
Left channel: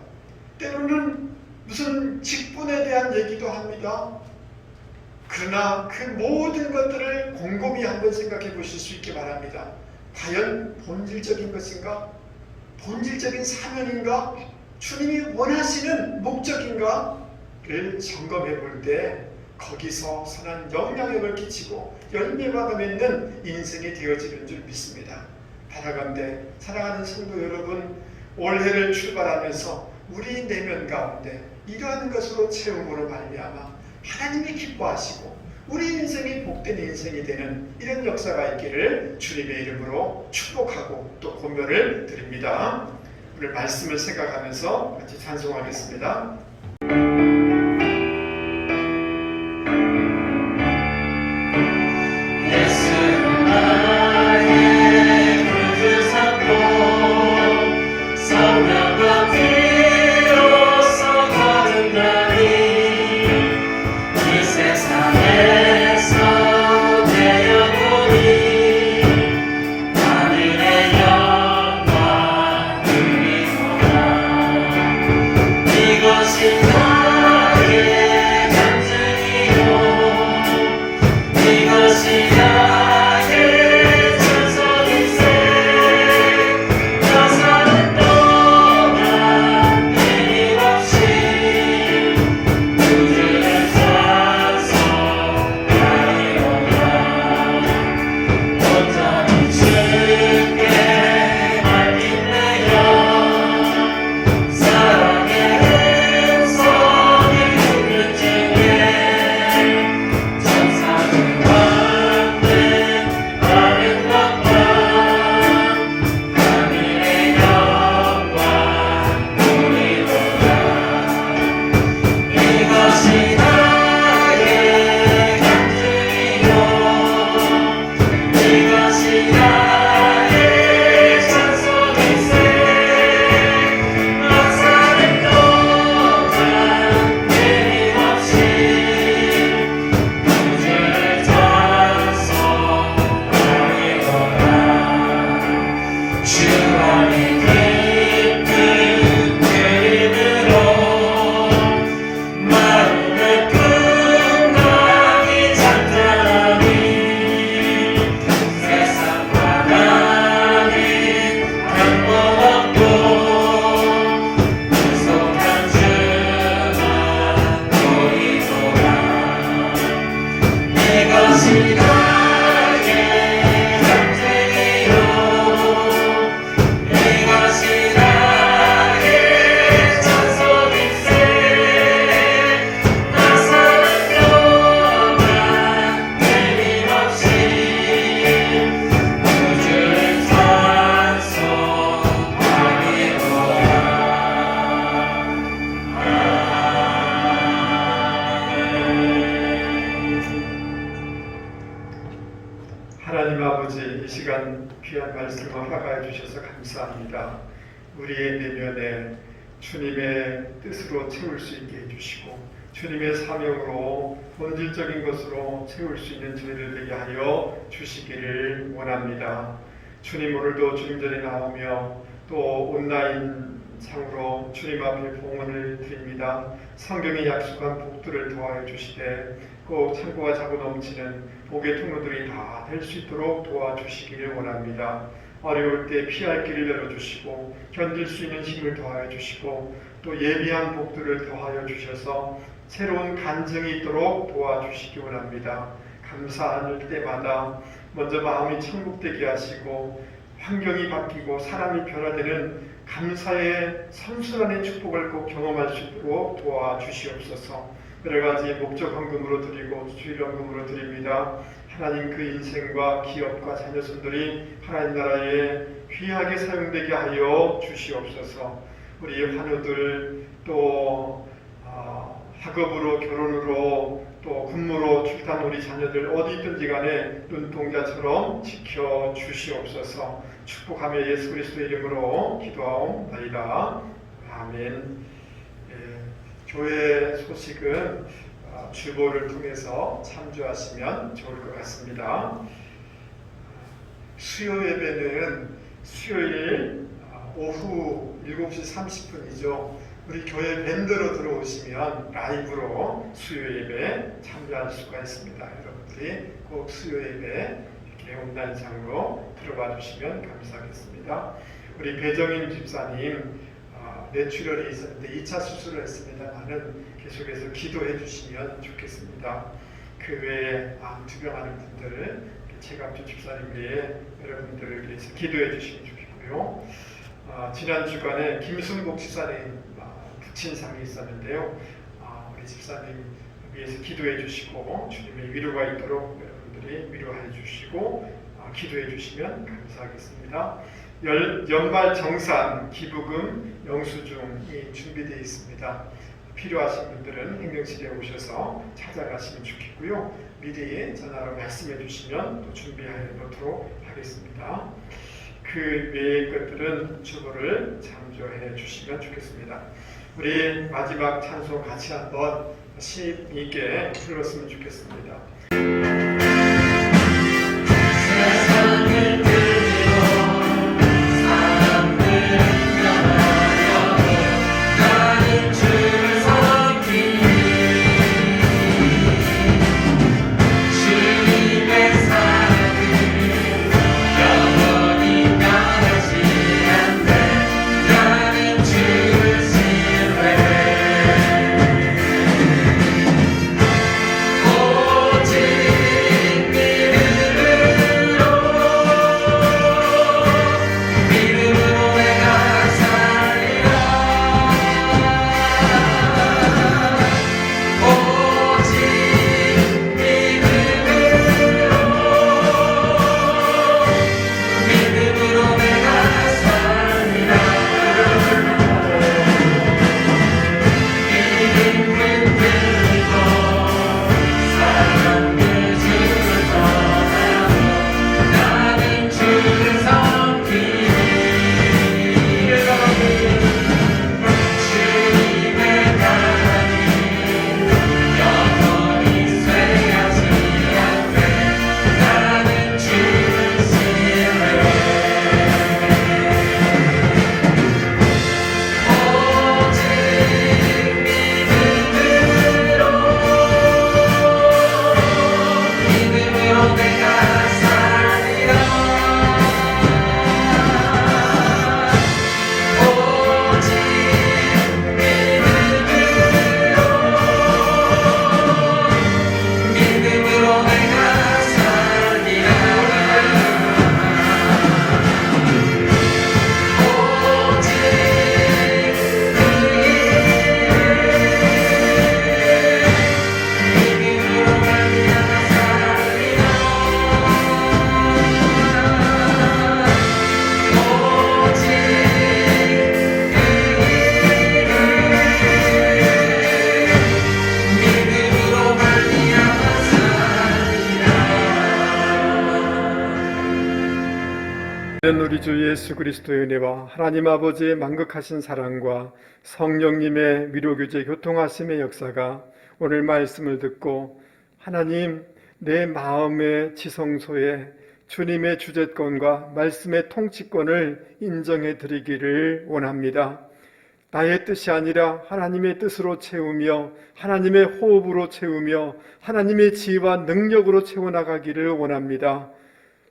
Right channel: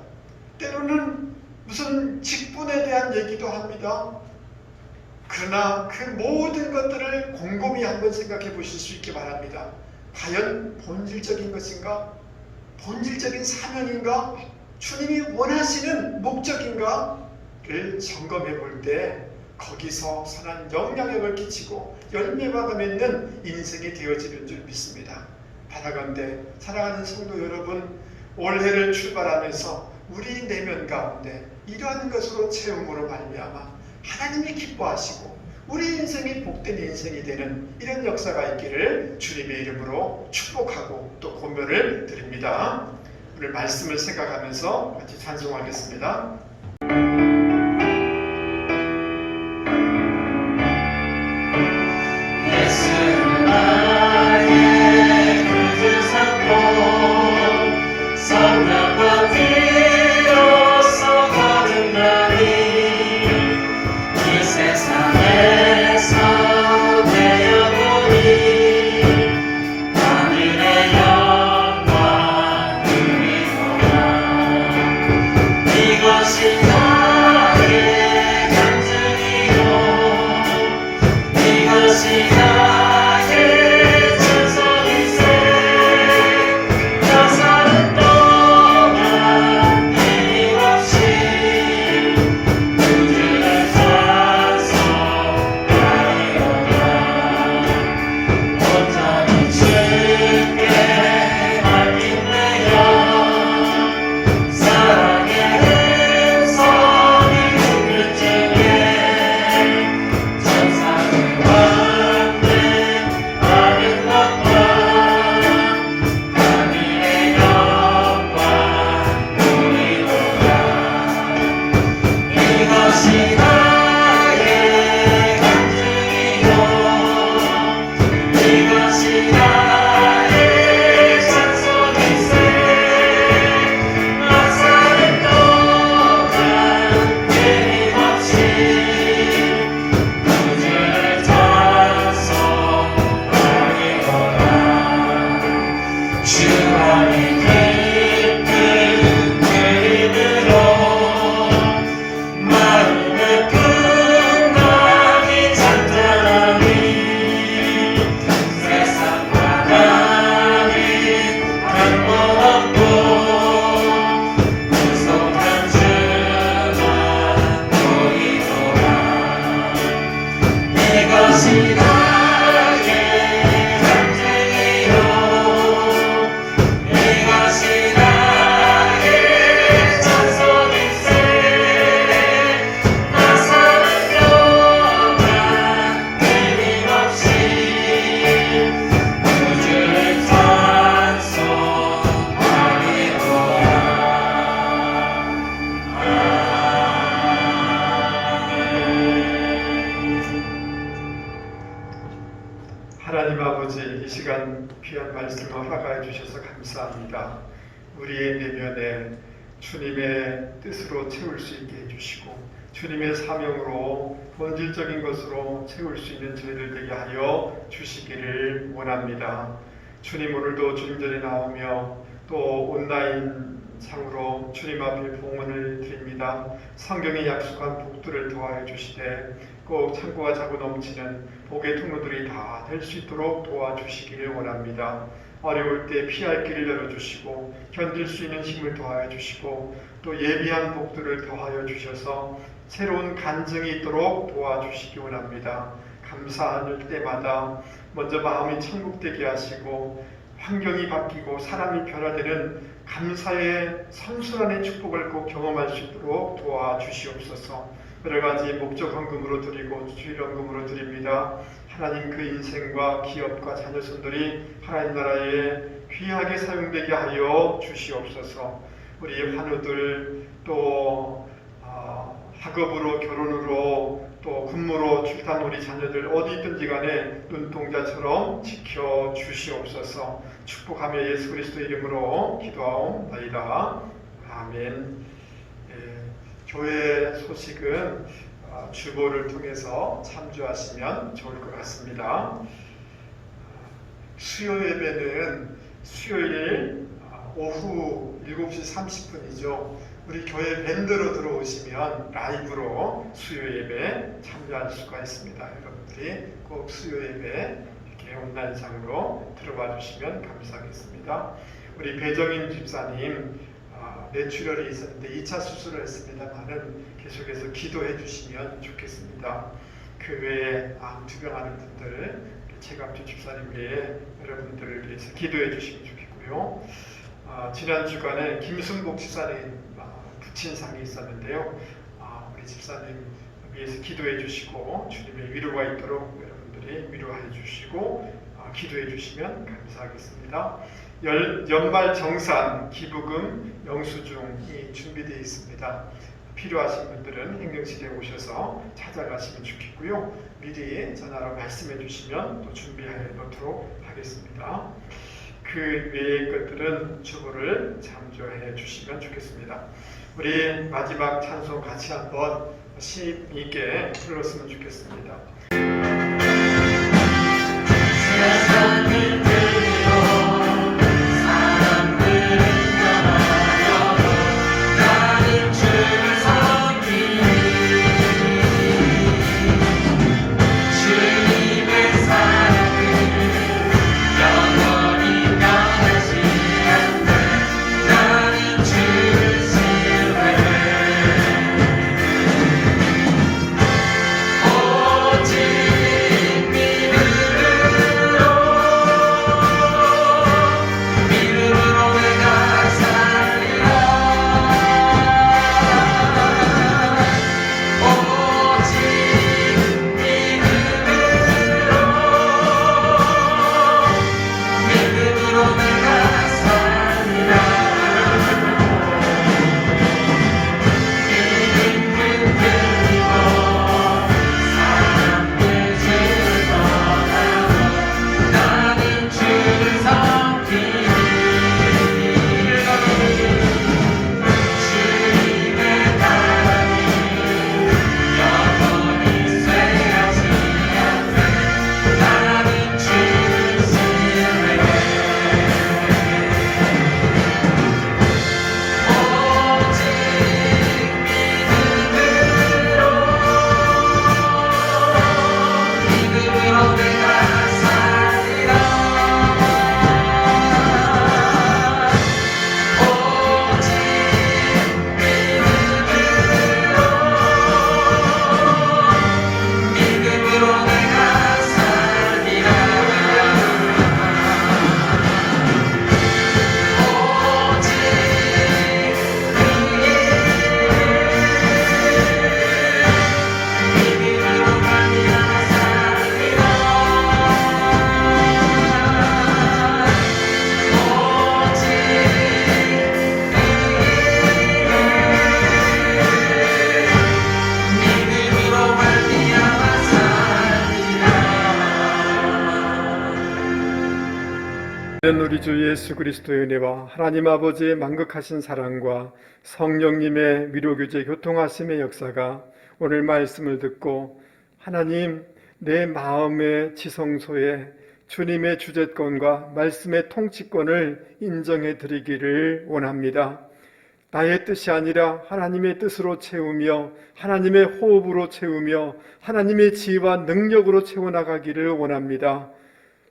때로는 무슨 직분에 대한 얘기도 합니다. 그러나 그 모든 것들을 곰곰이 한번 생각해 보실 수 있기 바랍니다. 과연 본질적인 것인가? 본질적인 사명인가? 주님이 원하시는 목적인가를 점검해 볼 때 거기서 선한 영향력을 끼치고 열매가 맺는 인생이 되어지는 줄 믿습니다. 바라건대 사랑하는 성도 여러분, 올해를 출발하면서 우리 내면 가운데 이러한 것으로 채움으로 말미암아 하나님이 기뻐하시고 우리 인생이 복된 인생이 되는 이런 역사가 있기를 주님의 이름으로 축복하고 또 권면을 드립니다. 오늘 말씀을 생각하면서 같이 찬송하겠습니다. 예수는 나의 구주 삼고 성령과 피로써 거듭나니 이 세상에서 내 영혼이 하늘의 영광 누리노라. 이것이 나의 간증이요 이것이 나의 전설일세. 나 사는 동안 끊임없이 주를 찬송하리로다. 온전히 주께 맡기네요. 사랑의 음성을 듣는 중에 천사들 받는 많은 것과 하늘의 영광 누리노라. 이것이 나의 간증이요 이것이 나의 찬송일세. 나 사는 동안 끊임없이 주를 찬송하리로다. 주 안에 깊은 그림으로 마음을 풍성히 찬양하니 세상과 나는 한번 없고 구속한 주만 보이노라. 이것이 나의 간증이요 이것이 나의 찬송일세. 나 사는 동안 끊임없이 주를 하나님 아버지, 이 시간 귀한 말씀을 허락하여 주셔서 감사합니다. 우리의 내면에 주님의 뜻으로 채울 수 있게 해주시고 주님의 사명으로 본질적인 것으로 채울 수 있는 저희들 되게 하여 주시기를 원합니다. 주님 오늘도 주님 전에 나오며 또 온라인 상으로 주님 앞에 봉헌을 드립니다. 성경에 약속한 복들을 더하여 주시되 꼭 창고가 차고 넘치는 복의 통로들이 다 될 수 있도록 도와주시기를 원합니다. 어려울 때 피할 길을 열어주시고 견딜 수 있는 힘을 더하여 주시고 또 예비한 복들을 더하여 주셔서 새로운 간증이 있도록 도와주시기 원합니다. 감사할 때마다 먼저 마음이 천국되게 하시고 환경이 바뀌고 사람이 변화되는 감사의 선순환의 축복을 꼭 경험할 수 있도록 도와주시옵소서. 여러 가지 목적 헌금으로 드리고 수입 헌금으로 드립니다. 하나님 그 인생과 기업과 자녀손들이 하나님 나라에 귀하게 사용되게 하여 주시옵소서. 우리 환우들 또 학업으로 결혼으로 또 근무로 출산 우리 자녀들 어디 있든지 간에 눈동자처럼 지켜주시옵소서. 축복하며 예수 그리스도의 이름으로 기도하옵나이다. 아멘. 교회 소식은 주보를 통해서 참조하시면 좋을 것 같습니다. 수요 예배는 수요일 오후 7시 30분이죠. 우리 교회 밴드로 들어오시면 라이브로 수요 예배 참여할 수가 있습니다. 여러분들이 꼭 수요 예배 온라인상으로 들어와 주시면 감사하겠습니다. 우리 배정임 집사님 뇌출혈이 있었는데 2차 수술을 했습니다만은 계속해서 기도해 주시면 좋겠습니다. 그 외에 암 투병하는 분들, 최강주 집사님 외에 여러분들을 위해서 기도해 주시면 좋겠고요. 지난 주간에 김순복 집사님 부친상이 있었는데요. 우리 집사님 위해서 기도해 주시고 주님의 위로가 있도록 여러분들이 위로해 주시고 기도해 주시면 감사하겠습니다. 연말 정산 기부금 영수증이 준비되어 있습니다. 필요하신 분들은 행정실에 오셔서 찾아가시면 좋겠고요. 미리 전화로 말씀해 주시면 또 준비하도록 하겠습니다. 그 외의 것들은 주보를 참조해 주시면 좋겠습니다. 우리 마지막 찬송 같이 한번 시 있게 들었으면 좋겠습니다. 세상을 우리 주 예수 그리스도의 은혜와 하나님 아버지의 만극하신 사랑과 성령님의 위로교제 교통하심의 역사가 오늘 말씀을 듣고 하나님 내 마음의 지성소에 주님의 주재권과 말씀의 통치권을 인정해 드리기를 원합니다. 나의 뜻이 아니라 하나님의 뜻으로 채우며 하나님의 호흡으로 채우며 하나님의 지혜와 능력으로 채워나가기를 원합니다.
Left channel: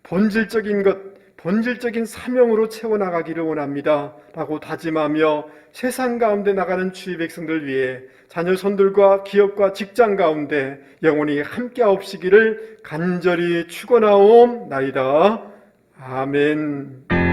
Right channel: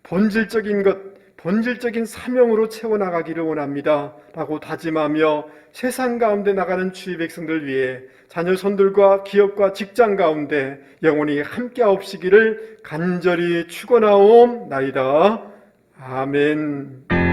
본질적인 것, 본질적인 사명으로 채워나가기를 원합니다. 라고 다짐하며 세상 가운데 나가는 주의 백성들 위해 자녀 손들과 기업과 직장 가운데 영원히 함께하옵시기를 간절히 축원하옵나이다. 아멘.